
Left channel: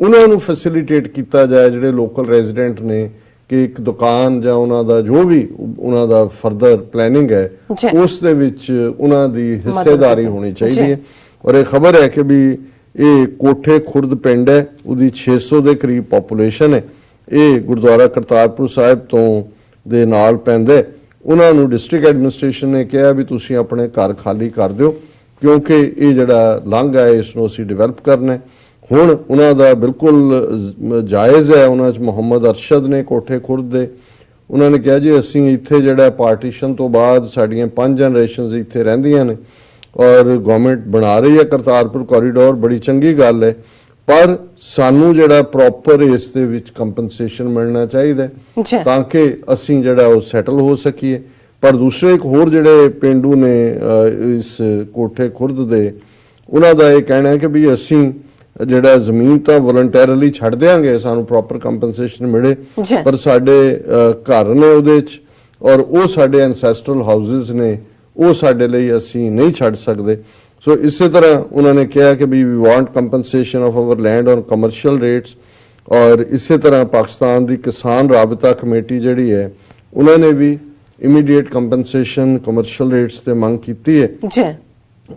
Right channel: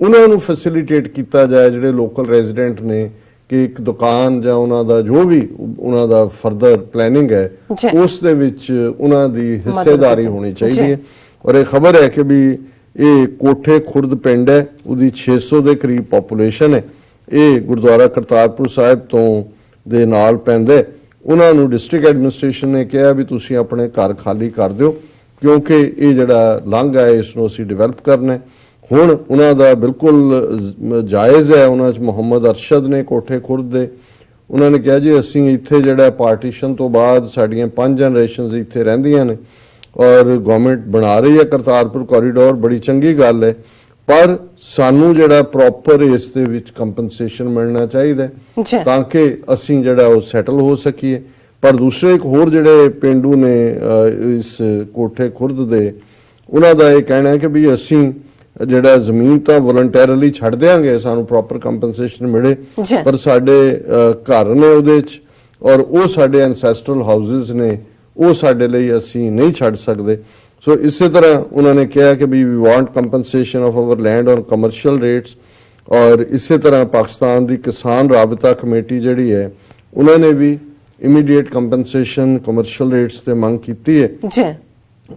ਉਹਨਾਂ ਨੂੰ ਫੈਸਿਲਿਟੇਟ ਕੀਤਾ ਜਾਏ ਜਿਹੜੇ ਲੋਕਲ ਰੈਜ਼ੀਡੈਂਟ ਨੇ, ਕਿ ਇੱਕ ਦੁਕਾਨ ਜਾਂ ਉਹਨਾਂ ਦਾ ਜੋ ਵੀ ਉਹਨਾਂ ਦਾ ਫਰਦਰ ਪਲੈਨਿੰਗ ਹੈ ਉਸ ਦੇ ਵਿੱਚ ਉਹਨਾਂ ਦੀ ਹਿੱਸੇਦਾਰੀ ਹੋਣੀ ਚਾਹੀਦੀ ਹੈ। ਔਰ ਇਹ ਖਬਰ ਹੈ ਕਿ ਵੀ ਇਹ ਕੋਠੇ ਖੁਰਦ ਪਿੰਡ ਹੈ, ਉਹਦੀ 600 ਦੇ ਕਰੀਬ ਪੋਪੂਲੇਸ਼ਨ ਹੈ। ਇਹ ਗੁਰਦੁਆਰਾ ਕਰਤਾਰਪੁਰ ਸਾਹਿਬ ਤੋਂ ਦੇ ਨਾਲ ਪੈਂਦਾ। ਉਹਨਾਂ ਨੂੰ ਡਿਸਟ੍ਰਿਕਟ ਐਡਮਿਨਿਸਟ੍ਰੇਸ਼ਨ ਨੇ ਕਿਹਾ ਵੀ ਤੁਸੀਂ ਆਪਣੇ ਘਰ ਖਾਲੀ ਕਰ ਦਿਓ ਕਿਉਂਕਿ ਇਹ ਜਿਹੜਾ ਲਾਂਘਾ ਹੈ ਇਸ ਨੂੰ ਅਸੀਂ ਡਿਵੈਲਪ ਕਰਨਾ ਹੈ। ਹੁਣ ਉਹਨਾਂ ਦਾ ਬਿਲਕੁਲ ਜਾਇਜ਼ ਹੈ, ਉਹਨਾਂ 'ਚ ਮੁਹੰਮਦ ਅਰਸ਼ਦ ਨੇ ਕੋਠੇ ਖੁਰਦ ਦੇ, ਉਹਨਾਂ ਨੇ ਕਿਹਾ ਜੀ ਅਸੀਂ ਇੱਥੇ ਜਿਹੜਾ ਪਾਰਟੀਸ਼ਨ ਤੋਂ ਬਾਅਦ ਸਾਡੀਆਂ 5 ਜਨਰੇਸ਼ਨਸ ਇੱਥੇ ਰਹਿੰਦੀਆਂ ਨੇ ਔਰ ਗਵਰਨਮੈਂਟ ਬਣਾ ਰਹੀ ਹੈ ਕਰਤਾਰਪੁਰ ਕੋਰੀਡੋਰ, ਬੜੀ ਚੰਗੀ ਗੱਲ ਹੈ, ਪਰ ਸਾਨੂੰ ਜਿਹੜਾ ਪ੍ਰੋਪਰ ਇਸ ਦੇ ਵਿੱਚ ਕੰਪਨਸੇਸ਼ਨ ਮਿਲਣਾ ਚਾਹੀਦਾ ਤਾਂ ਕਿ ਅਸੀਂ ਜਿਹੜਾ ਉਹ ਸੈਟਲ ਹੋ ਸਕੀਏ। ਪਰ ਦੂਸਰੇ ਇੱਕ ਹੋਰ ਜਿਹੜੇ ਪਿੰਡੂ ਨੇ ਇਸ ਕੋਠੇ ਖੁਰਦ ਦੇ, ਉਹਨਾਂ ਦਾ ਇਹ ਕਹਿਣਾ ਹੈ ਕਿ ਵੀ ਅਸੀਂ ਜਿਹੜਾ ਜ਼ਮੀਨ ਤਾਂ ਵਲੰਟੀਅਰਲੀ ਛੱਡ ਦਿਆਂਗੇ, ਸਾਨੂੰ ਪ੍ਰੋਪਰ ਕੰਪਨਸੇਸ਼ਨ ਮਿਲੇ, ਜੀ। ਪਰ ਸਾਡੇ ਘਰ ਨੇ ਉਹਦੇ 'ਚ ਔਰ ਉਹ ਸਾਡੇ ਐਨਸੈਸਟਰਲ ਹਾਊਸਿਸ ਨੇ, ਉਹ ਸਾਡੇ ਲਈ ਅਸੀਂ ਨਹੀਂ ਛੱਡ ਸਕਦੇ। ਸੋ ਇਸੇ ਤਰ੍ਹਾਂ ਉਹਨਾਂ ਨੇ ਕਿਹਾ ਕਿ we want compensation of our land on commercial rates. ਔਰ ਇਸੇ ਤਰ੍ਹਾਂ ਪਾਕਿਸਤਾਨ ਦੀ ਕਿਸਾਨ ਰਾਬਤਾ ਕਮੇਟੀ ਜਿਹੜੀ ਹੈ ਉਹਨਾਂ ਨੇ ਵੀ ਇਮੀਡੀਏਟ ਕੰਪਨਸੇਸ਼ਨ ਕਮਰਸ਼ੀਅਲ ਰੇਟਸ ਤੇ ਮੰਗ ਕੀਤੀ ਹੈ ਜੀ।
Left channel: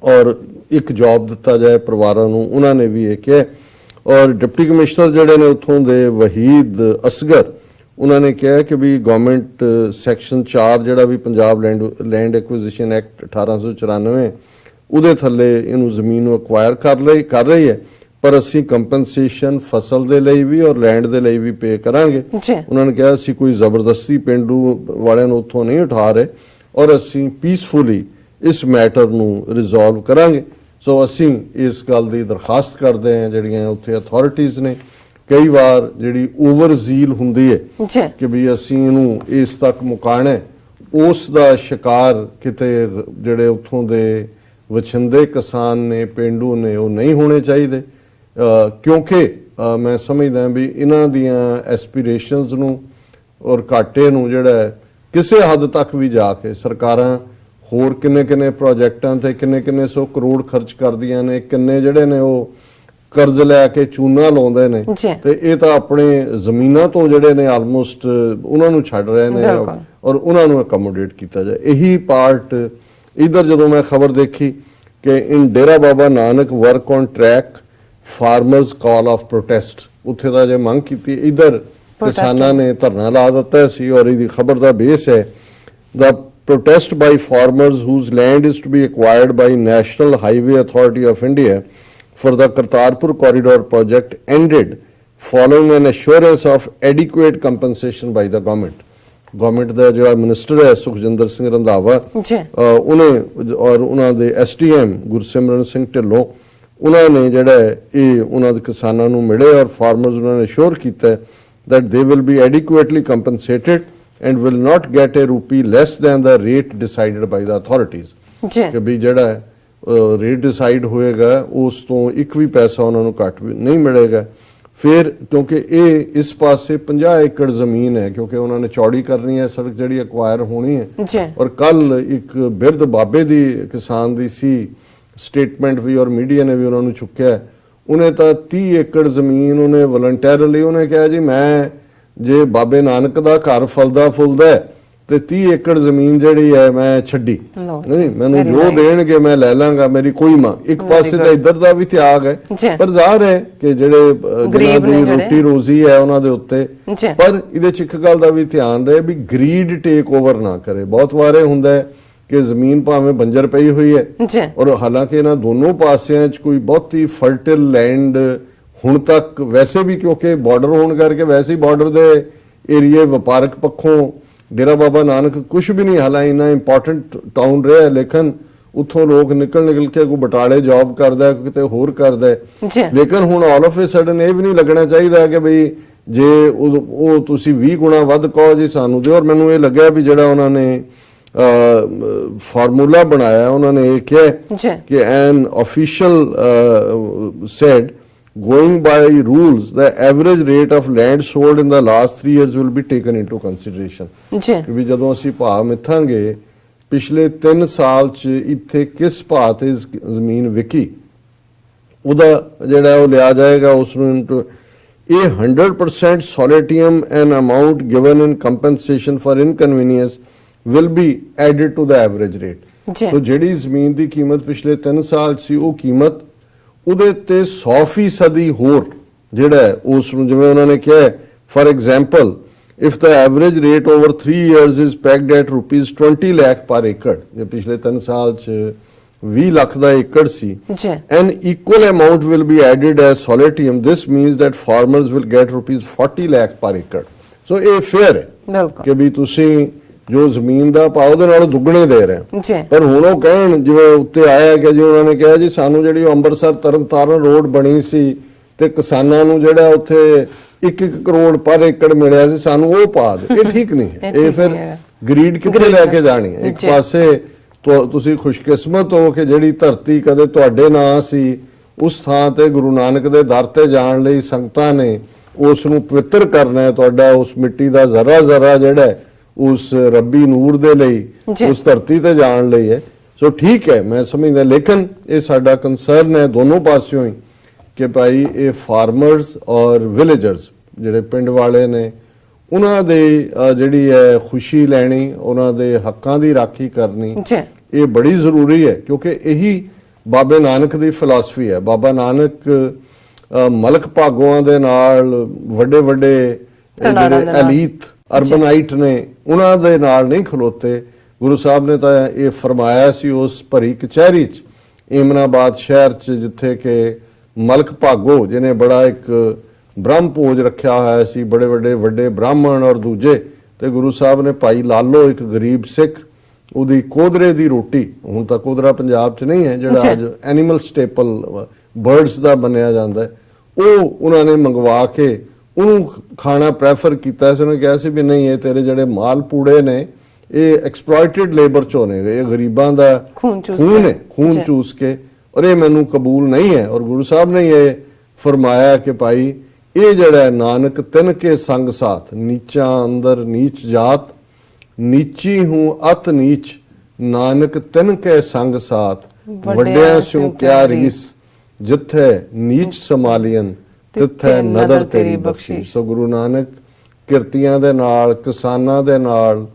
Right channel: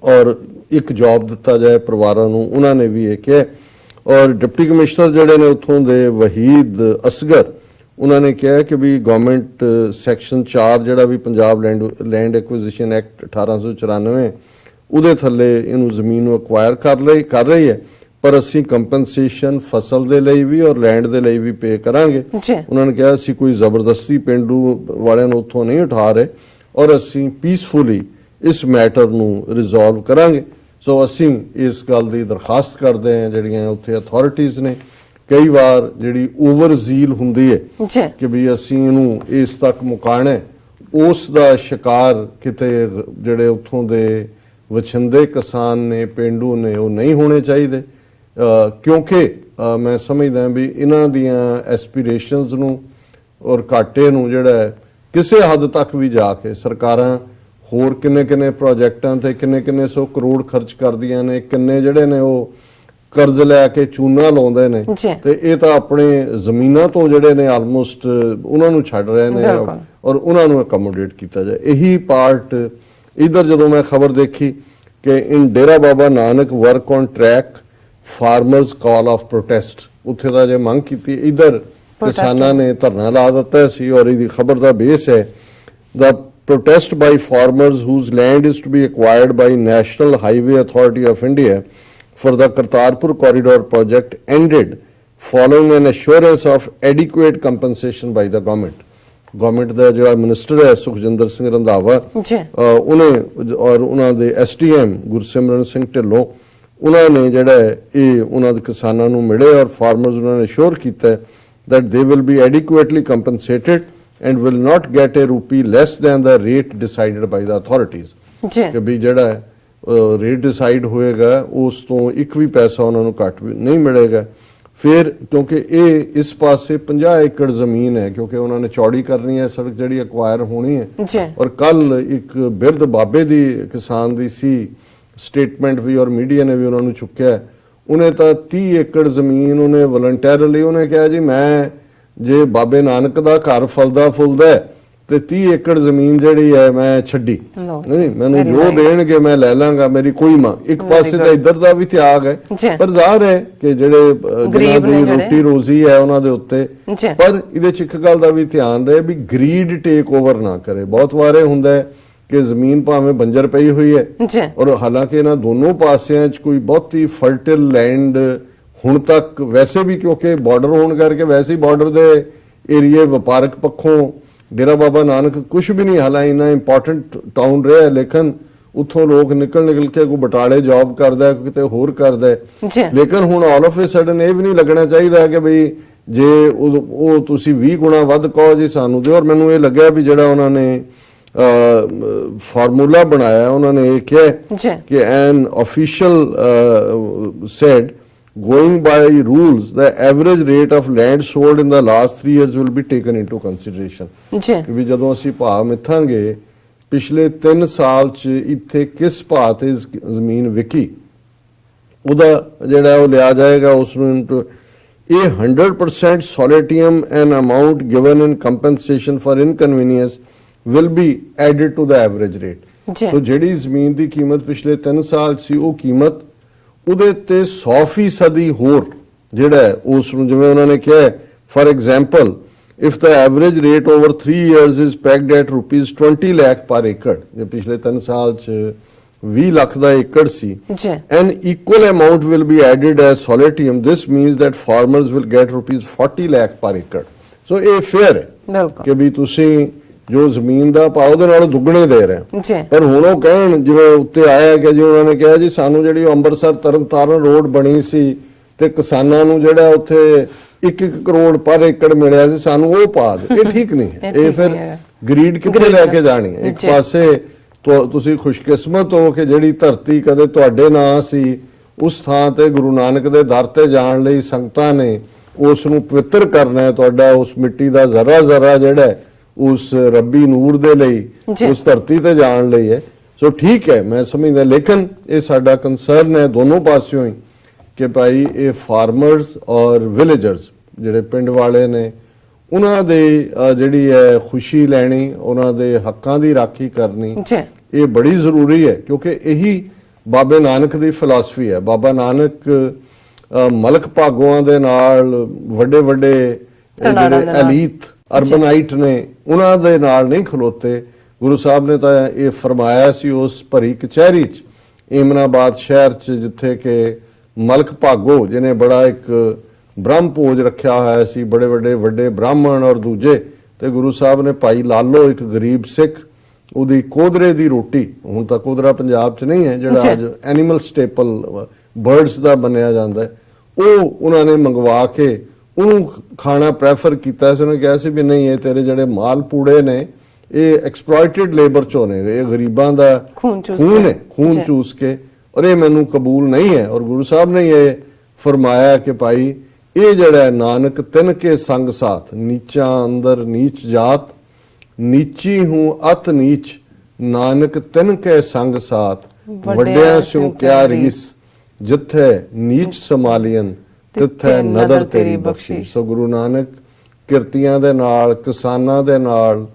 ਔਰ ਇੱਕ ਜੌਬ ਦਿੱਤਾ ਜਾਏ ਪਰਿਵਾਰਾਂ ਨੂੰ, ਉਹਨਾਂ ਨੇ ਵੀ ਇਹ ਕਿਹਾ। ਔਰ ਡਿਪਟੀ ਕਮਿਸ਼ਨਰ ਜਿਹੜੇ ਨੇ ਉੱਥੋਂ ਦੇ ਵਹੀਦ ਅਸਗਰ, ਉਹਨਾਂ ਨੇ ਕਿਹਾ ਕਿ ਵੀ ਗਵਰਨਮੈਂਟ ਸੈਕਸ਼ਨ 4 ਜਿਹੜਾ ਵੀ ਪੰਜਾਬ ਲੈਂਡ ਐਕੁਇਜ਼ੀਸ਼ਨ ਐਕਟ 1894 ਉਹਦੇ ਥੱਲੇ ਇਹਨੂੰ ਜ਼ਮੀਨ ਨੂੰ ਅਕਵਾਇਰ ਕਰ ਰਹੀ ਹੈ, ਪਰ ਅਸੀਂ ਕੰਪਨਸੇਸ਼ਨ ਫਸਲ ਦੇ ਲਈ ਵੀ ਔਰ ਲੈਂਡ ਦੇ ਲਈ ਵੀ ਪੇ ਕਰਾਂਗੇ। ਉਹਨਾਂ ਨੇ ਕਿਹਾ ਅਸੀਂ ਕੋਈ ਜ਼ਬਰਦਸਤੀ ਪਿੰਡੂ ਵਾਲਿਆਂ ਨੂੰ ਉੱਥੋਂ ਨਹੀਂ ਉਠਾ ਰਹੇ ਔਰ ਅਸੀਂ ਪੀਸਫੁਲੀ ਇਸ ਮੈਟਰ ਨੂੰ ਰਿਜ਼ੋਲਵ ਕਰਾਂਗੇ। ਸੋ ਅਸੀਂ ਇਸ ਗੱਲ ਦੀ ਦਰਖਾਸਤ ਕਰਦੇ ਹਾਂ ਜਿਹੜੀਆਂ ਉੱਥੇ ਅਥਾਰਟੀਜ਼ ਨੇ, ਕਈ ਵਾਰ ਜਿਹੜੀ ਓਵਰ ਜ਼ੀਲ ਹੁੰਦੀ ਹੈ ਕਿ ਵੀ ਅਸੀਂ ਇਹਨੂੰ ਇਸ ਤੱਕ ਮੁਕਾਣਾ, ਉਸ ਦਾ ਸ਼ਿਕਾਰ ਕਿਤੇ ਜਿਹੜੇ ਉੱਥੋਂ ਦੇ ਵਛਿੰਦੇ ਕਿਸਾਨ ਨੇ, ਪਿੰਡੂ ਨੇ, ਉਹ ਨਹੀਂ ਹੋਣੇ ਚਾਹੀਦੇ। ਕਿਉਂਕਿ ਮੈਂ ਸਮਝਦਾ ਵੀ ਇਹਨਾਂ ਦੀਆਂ ਐਸਪੀਰੇਸ਼ਨਸ ਨੂੰ ਔਰ ਘਾਟੇ ਨੂੰ ਜਿਹੜਾ ਕਿਸੇ ਹੱਦ ਤੱਕ ਵੀ ਜਾ ਕੇ ਸਰਕਾਰਾਂ ਹੋਰ ਕਿੰਨੇ ਪ੍ਰੋਜੈਕਟਾਂ ਤੇ ਕਿੰਨੇ ਸੌ ਕਰੋੜ ਖਰਚ ਕਰਦੀਆਂ ਨੇ, ਕਿੰਨੇ ਜਿਹੜੇ ਨੇ ਉਹ ਕਰਜ਼ ਲੈ ਕੇ ਚੂਨਾ ਲਾਉਂਦੇ ਨੇ, ਤੇ ਇਹ ਤਾਂ ਆਪਣੇ ਜ਼ਮੀਨਾਂ ਤੋਂ ਜਿਹੜੇ ਨੇ ਆਲਮੋਸਟ ਉਹਨਾਂ ਨੂੰ ਛੱਡ ਰਹੇ ਨੇ ਔਰ ਉਹਨਾਂ ਨੂੰ ਅਕਮੋਡੇਟ ਕੀਤਾ ਜਾਏ। ਇਹੀ ਪਾਰਟ ਇਧਰ ਜਦੋਂ ਮੈਂ ਖਬਰ ਦੇਖੀ ਕਿ in Dera Baba Nanak work on track farmers call off protest, ਉੱਥੇ ਦਾ ਜੇ ਮੰਗ ਕੀਤੀ, ਇਧਰ ਕਿਸਾਨਾਂ ਨੇ ਧਰਨਾ ਲਾ ਦਿੱਤਾ ਸੀ ਔਰ ਇਹਦੀ ਖਬਰ ਦਾ ਬੇਸ ਹੈ ਦਾ protest by farmers whose land is to be acquired by National Highway Authority of India for the Kartarpur Corridor project ended following an assurance of adequate compensation by the government. Government ਦਾ ਜਿਹੜਾ minister ਹੈ ਸੁਖਜਿੰਦਰ ਸਿੰਘ ਰੰਧਾਵਾ, ਉਹਨੇ ਔਰ ਉਹਨਾਂ ਦੇ SDM Gursimran Singh Dhillon, ਉਹਨਾਂ ਨੇ ਜਿਹੜਾ ਇਹ ਉਹਨਾਂ ਦੇ ਕਿਸਾਨਾਂ ਨੂੰ ਮਿਲੇ ਔਰ ਫਾਰਮਰਸ ਉਹਨਾਂ ਨੇ ਅਸ਼ੋਰ ਕੀਤਾ that they will be adequately compensated and will not get a rupee less than the rate decided by the authorities. ਕਿ ਵੀ ਜਿਹੜਾ ਰੇਟ ਡਿਸਾਈਡ ਹੋਏਗਾ ਉਸ ਤੋਂ ਇੱਕ ਵੀ ਪੈਸਾ ਉਹਨਾਂ ਨੂੰ ਘੱਟ ਵੀ ਨਹੀਂ ਮਿਲੇਗਾ। ਫਿਰ ਕਿਉਂਕਿ ਇਹ ਇਸ ਪਾਸੇ 50 ਏਕੜ ਜ਼ਮੀਨ ਹੈ, ਕਿਉਂਕਿ ਉਹਨਾਂ ਨੇ ਚੌੜੀ ਕਰਨੀ ਹੈ ਸੜਕ ਜਿਹੜੀ ਅਕਵਾਇਰ ਹੋਣੀ ਹੈ। ਔਰ ਕੱਲ ਇੱਕ ਬਿਰਧ ਬਾਬੇ ਦੀ ਕਿਸਾਨ ਦੀ ਸੀ ਸਟੇਟਮੈਂਟ ਵੀ ਔਰ ਮੀਡੀਆ ਨੇ ਵੀ ਉਹਨਾਂ ਨੂੰ ਚੁੱਕਿਆ। ਉਹਨੇ ਤਾਂ 30 ਏਕੜ ਜ਼ਮੀਨ ਉਹਨੇ ਵਲੰਟੀਅਰਲੀ ਉਹਨੇ ਕਿਹਾ ਜੀ ਮੈਂ ਜੇ ਬਾਬੇ ਨਾਨਕ ਦਾ ਘਰ ਫਲਦਾ ਫੁੱਲਦਾ ਤੇ 30 ਏਕੜ ਜ਼ਮੀਨ ਜਿਹੜੀ ਹੈ ਮੈਂ ਛੱਡੀ ਨਹੀਂ, ਮੈਨੂੰ ਜੋ ਦੇਣਗੇ ਮੈਂ ਲੈ ਲਾਂਗਾ, ਮੇਰੀ ਕੋਈ ਮਾਂ। ਇੱਕ ਪਾਸੇ ਤਾਂ ਇੱਧਰ ਦਾ ਵੀ ਤਿਆਗ ਹੈ, ਪਰ ਜ਼ਾਹਰ ਹੈ ਕਿ ਜਿਹੜੇ ਜਿਹਨਾਂ ਦੀ ਰੋਟੀ ਰੋਜ਼ੀ ਹੈ ਉਹਨਾਂ ਦੇ ਉੱਤੇ, ਪਰ ਇਹਦੇ ਚ ਇੱਕ ਗੱਲ ਦਾ ਵੀ ਧਿਆਨ ਰਹੇ ਵੀ ਗਰੀਡ ਟੇਕ ਓਵਰ ਨਾ ਕਰੇ। ਬਹੁਤ ਵਾਰੇ ਹੁੰਦਾ ਹੈ ਕਿ ਜ਼ਮੀਨ ਭਾਵੇਂ ਬੰਜਰ ਪਈ ਹੋਈ ਹੈ ਔਰ ਹਾਲਾਂਕਿ ਇਹਨਾਂ ਦੋਨੋਂ ਪਾਸਿਆਂ 'ਚ ਕੋਈ ਬਹੁਤੀ ਫਰਟਿਲ ਲੈਂਡ ਹੁਣ ਤੱਕ ਵੈਸੇ ਵੀ, ਕਿਉਂਕਿ ਬਾਰਡਰ ਹੋਣ ਕਰਕੇ ਵੈਸੇ ਹੀ ਬਾਰਡਰ ਦੇ ਏਰੀਏ ਵਪਾਰਕ ਪੱਖੋਂ ਡੇਰਾ ਬਾਬਾ ਨਾਨਕ ਕੁਝ ਵੀ ਨਹੀਂ ਹਾਲਾਂਕਿ ਇੰਨਾ ਇੰਪੋਰਟੈਂਟ ਟਾਊਨ ਰਿਹਾ, ਲੇਕਿਨ ਉੱਥੋਂ ਲੋਕ ਨਿਕਲ ਕੇ ਕੋਈ ਬਟਾਲੇ ਜੌਬ ਕਰਦਾ, ਕੋਈ ਕਿਤੇ ਹੋਰ ਕਰਦਾ। ਲੇਕਿਨ ਹੁਣ ਆਲ ਆਫ ਏ ਸਡਨ ਇਹ ਵੀ ਨਹੀਂ ਲੱਗਣਾ ਚਾਹੀਦਾ ਕਿ ਬਈ ਜੇ ਉਹ ਤੁਸੀਂ 20 ਗੁਣਾ ਵੱਧ ਕਹੋ ਜੀ ਸਾਨੂੰ ਦਿਓ। ਔਰ ਮੈਨੂੰ ਇਹ ਲੱਗਿਆ ਵੀ ਜਿਹੜਾ ਉਹਨਾਂ ਨੇ ਫਾਰਮੂਲਾ ਬਣਾਇਆ, ਉਹਨਾਂ ਨੇ ਇਹ ਕਿਹਾ ਕਿ ਐਨ official said going by rules the average rate of land sold in the last 3 years will be taken into consideration। ਕਿ ਵੀ ਜਦੋਂ ਅਸੀਂ ਭਾਅ ਮਿੱਥਾਂਗੇ ਪਿਛਲੇ 3 ਸਾਲ 'ਚ ਇੱਥੇ ਕਿਸ ਭਾਅ ਤੇ ਜ਼ਮੀਨ ਵਿਕੀ, ਉਹਦਾ ਜਿਹੜਾ ਉਹ ਲਿਆ ਜਾਏਗਾ ਉਸ ਨੂੰ। ਇਹ 100% solatium an amount given in compensation for inconvenience will be added to the average rate। so ਜਿਹੜੀ ਜ਼ਮੀਨ ਦੀ ਕੀਮਤ ਪਿਛਲੇ 3 ਸਾਲ ਸੀ ਉਹ ਕੀਮਤ ਉਹਦੇ ਤੇ 100% ਹੋਰ ਜਿਹੜਾ ਉਸ ਨੂੰ, ਜਿਵੇਂ ਉਹਨਾਂ ਨੇ ਕਿਹਾ for example if the average rate over 3 years is pegged at rupees 20 lakh per acre, ਜੇ ਪਿਛਲੇ 3 ਸਾਲ 'ਚ 20 ਲੱਖ ਦਾ ਏਕੜ ਸੀ, an equal amount will be added as solatium. This means that farmers will get rupees 40 lakh per acre. so ਇਹ fair ਹੈ ਕਿ ਵੀ ਤੁਸੀਂ ਜੋ ਜ਼ਮੀਨ ਦਾ ਭਾਅ ਉਹਦੇ ਨਾਲ ਦੁੱਗਣੇ ਦੇ ਰਹੇ। ਪਰ ਹੁਣ ਉਹ ਕਹਿਣ ਜਿਵੇਂ ਉੱਤੇ ਆਇਆ ਕਿ ਜੀ ਉਹਨਾਂ ਨੇ ਕਿਹਾ ਜੀ ਸਾਨੂੰ ਜਿਹੜੀ ਅੰਮ੍ਰਿਤਸਰ ਤਰਨਤਾਰਨ ਰੋਡ ਬਣੀ ਸੀ ਤੇ ਕਿਸਾਨਾਂ ਨੂੰ ਜਿਹੜਾ ਉੱਥੇ 1-1 ਕਰੋੜ ਪਰ ਏਕੜ ਮਿਲਿਆ ਸੀ, ਸਾਨੂੰ ਉਹ ਪਾ ਦੇ। ਇਹ ਠੀਕ ਨਹੀਂ ਹੈ। ਇਹ ਫਿਰ ਗਰੀਡ ਕਿੱਥੇ ਲੈ ਕੇ ਜਾਣੀ ਹੈ? ਇੱਕ ਪਾਸੇ ਤੁਸੀਂ ਖੁਸ਼ਕਿਸਮਤ ਹੋ ਕਿ ਜਿਹੜੀ ਧਰਤੀ ਕਦੇ ਤੁਹਾਡੇ ਨਾਂ ਸੀ ਉਸ ਥਾਂ ਤੇ ਗੁਰੂ ਨਾਨਕ ਦੇ ਦਰ ਤੇ ਜਾਣ ਲਈ ਸੰਗਤਾਂ ਨੇ ਉਸ ਨੂੰ ਪਵਿੱਤਰ ਕਰਨਾ ਹੈ। ਤੁਹਾਡਾ ਉਸ ਮਿੱਟੀ ਦਾ ਜ਼ਰਾ ਜ਼ਰਾ ਜਿਹੜਾ ਹੈ, ਉਸ ਰੱਬੀ ਨੂਰ ਦੇ ਲਈ, ਉਸ ਧਰਤੀ ਤੇ ਜਾਣ ਲਈ ਹੈ। ਸੋ ਠੀਕ ਹੈ, ਮੈਂ ਸਮਝਦਾ, ਲੇਕਿਨ ਇਹ ਸਾਡਾ ਕੰਸਰਨ ਹੈ ਦੋਨੋਂ ਪਾਸਿਓਂ ਹੀ ਕਿ ਭਾਈ ਇਹ ਫਾਰਮਰਸ ਔਰ ਵਿਲੇਜਰਸ ਜਿਹੜੇ ਪਿੰਡ ਵਾਲੇ ਨੇ, ਉਹਨਾਂ ਦੇ ਜਿਹੜੀ ਹੈ ਖੁਸ਼ੀ ਲੈਣੀ, ਉਹਨਾਂ ਦੇ ਹੱਕਾਂ ਦੀ ਰਾਖੀ ਕਰਨੀ, ਇਹ ਬੜੀ ਜ਼ਰੂਰੀ ਹੈ। ਕਿਉਂਕਿ ਇਹੀ ਬਾਬੇ ਨਾਨਕ ਦੀ ਫਿਲਾਸਫੀ ਹੈ। ਬਾਬਾ ਨਾਨਕ ਮਲਕ ਭਾਗੋਆਂ ਦੇ ਨਾਲ, ਵੱਡੇ ਵੱਡੇ ਜਿਹੜੇ ਐਲੀਟ ਅਰਬਨਾਈਟ ਨੇ, ਉਹਨਾਂ ਦੇ ਨਾਲ ਨਹੀਂ ਖਲੋਤੇ। ਗੁਰੂ ਸਾਹਿਬ ਨੇ ਤਾਂ ਇਹ ਫਰਮਾਇਆ ਸੀ ਉਸ ਭਰੀ ਕਚਹਿਰੀ 'ਚ, ਏਮਨਾਬਾਦ ਸ਼ਹਿਰ 'ਚ, ਜਿੱਥੇ ਕਿ ਮਲਕ ਭਾਗੋ ਜਿਹਨੇ ਬੜਾ ਇੱਕ ਬ੍ਰਹਮ ਭੋਜ ਰੱਖਿਆ ਹੋਇਆ ਸੀ, ਬੜੇ ਵੱਡੇ ਬ੍ਰਾਹਮਣ ਔਰ ਦੂਜੇ, ਤੇ ਗੁਰੂ ਸਾਹਿਬ ਨੇ ਭਾਈ ਲਾਲੋ, ਇੱਕ ਗਰੀਬ ਸਿੱਖ, ਉਹਦੀ ਕੋਦਰੇ ਦੀ ਰੋਟੀ, ਹੁਣ ਤਾਂ ਕੋਦਰਾ ਪੰਜਾਬ 'ਚ ਨਹੀਂ ਹੈ, ਜਿਹੜਾ ਅੱਜ ਐਨੀਮਲ ਸਟੇਪਲ ਬਰਡਸ ਦਾ ਬਣਿਆ ਜਾਂਦਾ ਹੈ, ਉਹ ਉਹਨਾਂ ਨੇ ਮੰਗਵਾ ਕੇ ਉਹਨੂੰ ਖਾਣਾ ਪ੍ਰੈਫਰ ਕੀਤਾ ਸੀ। ਉਹਨੇ ਕਿਹਾ ਸੀ ਵੀ ਨਹੀਂ, ਇਹ ਤੇਰੇ ਜਿਹੜੇ ਮਾਲ ਪੂੜੇ ਨੇ ਇਹ ਐਕਸਪਲੋਇਟਡ ਲੇਬਰ ਚੋਂ ਨੇ, ਇਹ ਗਰੀਬਾਂ ਦਾ ਖੂਨ ਚੂਸ ਕੇ, ਔਰ ਇਹ ਮੈਨੂੰ ਕਬੂਲ ਨਹੀਂ ਹੈ। ਔਰ ਗੁਰੂ ਸਾਹਿਬ ਨੇ ਇਹ ਫਰਮਾਇਆ ਕਿ ਭਾਈ ਇਹ ਜਿਹੜਾ ਨਾਨਕ ਤਿਨ ਕੇ ਸੰਗ ਸਾਥ, ਨੀਚਾ ਅੰਦਰ ਨੀਚ ਜਾਤ, ਨੀਚੀ ਹੂੰ ਅਤ ਨੀਚ, ਨਾਨਕ ਤਿਨ ਕੇ ਸੰਗ ਸਾਥ, ਵੱਡਿਆਂ ਸਿਉ ਕਿਆ ਰਹੀਸ, ਜਿੱਥੇ ਨੀਚ ਸਮਾਲੀਅਨ ਤਿੱਥੇ ਨਦਰ ਤੇਰੀ ਬਖਸ਼ੀ। ਸੋ ਗੁਰੂ ਨਾਨਕ ਕਿਰਤੀਆਂ ਦੇ ਨਾਲ, ਕਿਸਾਨਾਂ ਦੇ ਨਾਲ,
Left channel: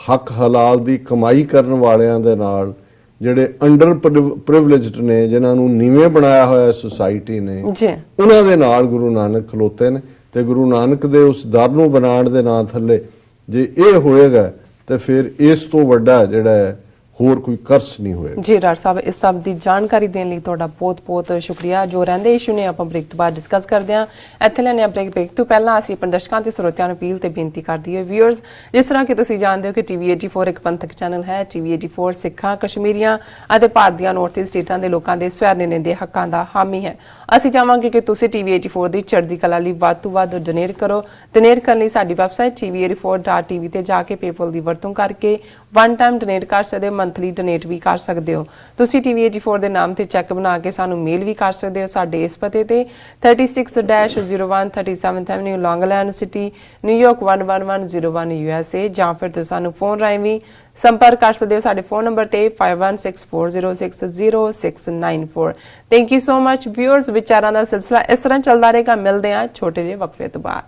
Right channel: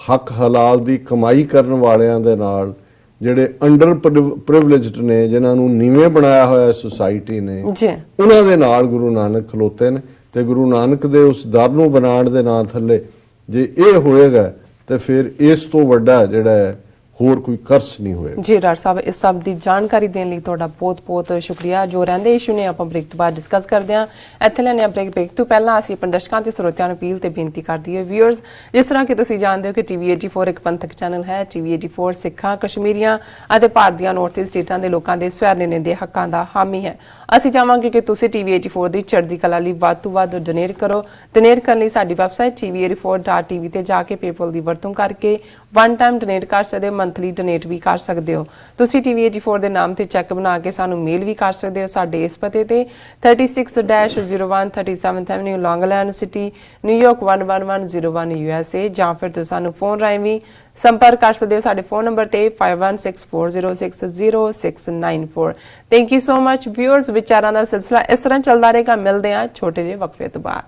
ਹੱਕ ਹਲਾਲ ਦੀ ਕਮਾਈ ਕਰਨ ਵਾਲਿਆਂ ਦੇ ਨਾਲ, ਜਿਹੜੇ ਅੰਡਰ ਪ੍ਰਿਵਿਲੇਜਡ ਨੇ, ਜਿਨ੍ਹਾਂ ਨੂੰ ਨੀਵੇਂ ਬਣਾਇਆ ਹੋਇਆ ਸੁਸਾਇਟੀ ਨੇ, ਉਹਨਾਂ ਦੇ ਨਾਲ ਗੁਰੂ ਨਾਨਕ ਖਲੋਤੇ ਨੇ। ਤੇ ਗੁਰੂ ਨਾਨਕ ਦੇ ਉਸ ਦਰ ਨੂੰ ਬਣਾਉਣ ਦੇ ਨਾਂ ਥੱਲੇ ਜੇ ਇਹ ਹੋਏਗਾ ਤੇ ਫਿਰ ਇਸ ਤੋਂ ਵੱਡਾ ਜਿਹੜਾ ਹੋਰ ਕੋਈ ਕਰਸ ਨਹੀਂ ਹੋਏਗਾ। ਜੀ ਡਾਕਟਰ ਸਾਹਿਬ, ਇਸ ਸਭ ਦੀ ਜਾਣਕਾਰੀ ਦੇਣ ਲਈ ਤੁਹਾਡਾ ਬਹੁਤ-ਬਹੁਤ ਸ਼ੁਕਰੀਆ। ਜੋ ਰਹਿੰਦੇ ਇਸ਼ੂ ਨੇ ਆਪਾਂ ਬ੍ਰੇਕ ਤੋਂ ਬਾਅਦ ਡਿਸਕਸ ਕਰਦੇ ਹਾਂ। ਇੱਥੇ ਲੈਣੇ ਆ ਬ੍ਰੇਕ ਤੋਂ ਪਹਿਲਾਂ ਅਸੀਂ ਆਪਣੇ ਦਰਸ਼ਕਾਂ ਤੇ ਸਰੋਤਿਆਂ ਨੂੰ ਅਪੀਲ ਤੇ ਬੇਨਤੀ ਕਰਦੀ ਹੈ, ਵੀਅਰਸ, ਜਿਸ ਤਰ੍ਹਾਂ ਕਿ ਤੁਸੀਂ ਜਾਣਦੇ ਹੋ ਕਿ ਟੀਵੀ 84 ਇੱਕ ਪੰਥਕ ਚੈਨਲ ਹੈ। ਟੀਵੀ 84 ਸਿੱਖਾਂ, ਕਸ਼ਮੀਰੀਆਂ ਅਤੇ ਭਾਰਤ ਦੀਆਂ ਨਾਰਥ ਈਸਟ ਸਟੇਟਾਂ ਦੇ ਲੋਕਾਂ ਦੇ ਸਵੈ ਨਿਰਣੇ ਦੇ ਹੱਕਾਂ ਦਾ ਹਾਮੀ ਹੈ। ਅਸੀਂ ਚਾਹਾਂਗੇ ਕਿ ਤੁਸੀਂ ਟੀਵੀ 84 ਦੀ ਚੜ੍ਹਦੀ ਕਲਾ ਲਈ ਵੱਧ ਤੋਂ ਵੱਧ ਡੋਨੇਟ ਕਰੋ। ਡੋਨੇਟ ਕਰਨ ਲਈ ਸਾਡੀ ਵੈਬਸਾਈਟ tv84.tv ਤੇ ਜਾ ਕੇ ਪੇਪਲ ਦੀ ਵਰਤੋਂ ਕਰਕੇ ਵਨ ਟਾਈਮ ਡੋਨੇਟ ਕਰ ਸਕਦੇ ਹੋ, ਮੰਥਲੀ ਡੋਨੇਟ ਵੀ ਕਰ ਸਕਦੇ ਹੋ। ਤੁਸੀਂ ਟੀਵੀ 84 ਦੇ ਨਾਮ ਤੇ ਚੈੱਕ ਬਣਾ ਕੇ ਸਾਨੂੰ ਮੇਲ ਵੀ ਕਰ ਸਕਦੇ ਹੋ ਸਾਡੇ ਇਸ ਪਤੇ ਤੇ 36-01 37th ਐਵਨਿਊ, ਲੌਂਗ ਆਈਲੈਂਡ ਸਿਟੀ, ਨਿਊਯਾਰਕ 11101 USA, ਜਾਂ ਫਿਰ ਤੁਸੀਂ ਸਾਨੂੰ ਫੋਨ ਰਾਹੀਂ ਵੀ ਸੰਪਰਕ ਕਰ ਸਕਦੇ ਹੋ ਸਾਡੇ ਫੋਨ ਨੰਬਰ ਤੇ 5164060694। Thank you so much viewers. ਵਿਚਾਰਾਂ ਦਾ ਸਿਲਸਿਲਾ ਇਸ ਤਰ੍ਹਾਂ ਚੱਲਦਾ ਰਹੇਗਾ। ਮਿਲਦੇ ਹਾਂ ਛੋਟੇ ਜਿਹੇ ਵਕਫੇ ਤੋਂ ਬਾਅਦ।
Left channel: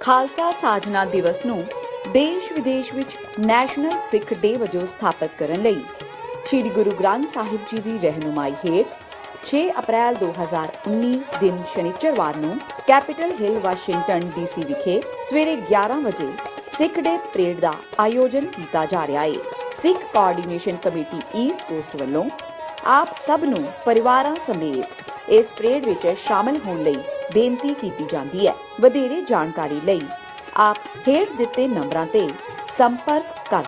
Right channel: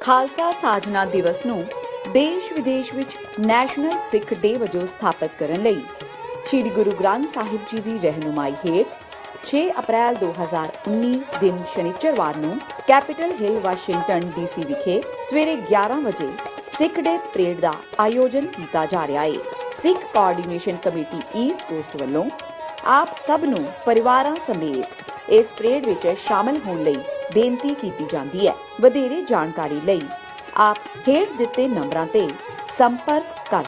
ਖਾਲਸਾ ਸਾਜਨਾ ਦਿਵਸ ਨੂੰ ਦੇਸ਼ ਵਿਦੇਸ਼ ਵਿੱਚ ਨੈਸ਼ਨਲ ਸਿੱਖ ਡੇ ਵਜੋਂ ਸਥਾਪਿਤ ਕਰਨ ਲਈ ਸ਼੍ਰੀ ਗੁਰੂ ਗ੍ਰੰਥ ਸਾਹਿਬ ਜੀ ਦੀ ਰਹਿਨੁਮਾਈ ਹੇਠ 6 ਅਪ੍ਰੈਲ 2019 ਦਿਨ ਸ਼ਨੀਚਰਵਾਰ ਨੂੰ ਕੈਪੀਟਲ ਹਿੱਲ ਵਾਸ਼ਿੰਗਟਨ DC ਵਿਖੇ ਸਵੇਰੇ 11 ਵਜੇ ਸਿੱਖ ਡੇ ਪਰੇਡ ਦਾ ਆਯੋਜਨ ਕੀਤਾ ਜਾ ਰਿਹਾ ਹੈ। ਸਿੱਖ ਕੋਆਰਡੀਨੇਸ਼ਨ ਕਮੇਟੀ ਈਸਟ ਕੋਸਟ ਵੱਲੋਂ ਆਪ ਸਭ ਨੂੰ ਪਰਿਵਾਰਾਂ ਸਮੇਤ ਇਸ ਪਰੇਡ ਵਿੱਚ ਸ਼ਾਮਲ ਹੋਣ ਲਈ ਬੇਨਤੀ ਕੀਤੀ ਜਾਂਦੀ ਹੈ। ਵਧੇਰੇ ਜਾਣਕਾਰੀ ਲਈ ਆਪ ਹੇਠ ਦਿੱਤੇ ਨੰਬਰਾਂ ਤੇ ਸੰਪਰਕ ਕਰ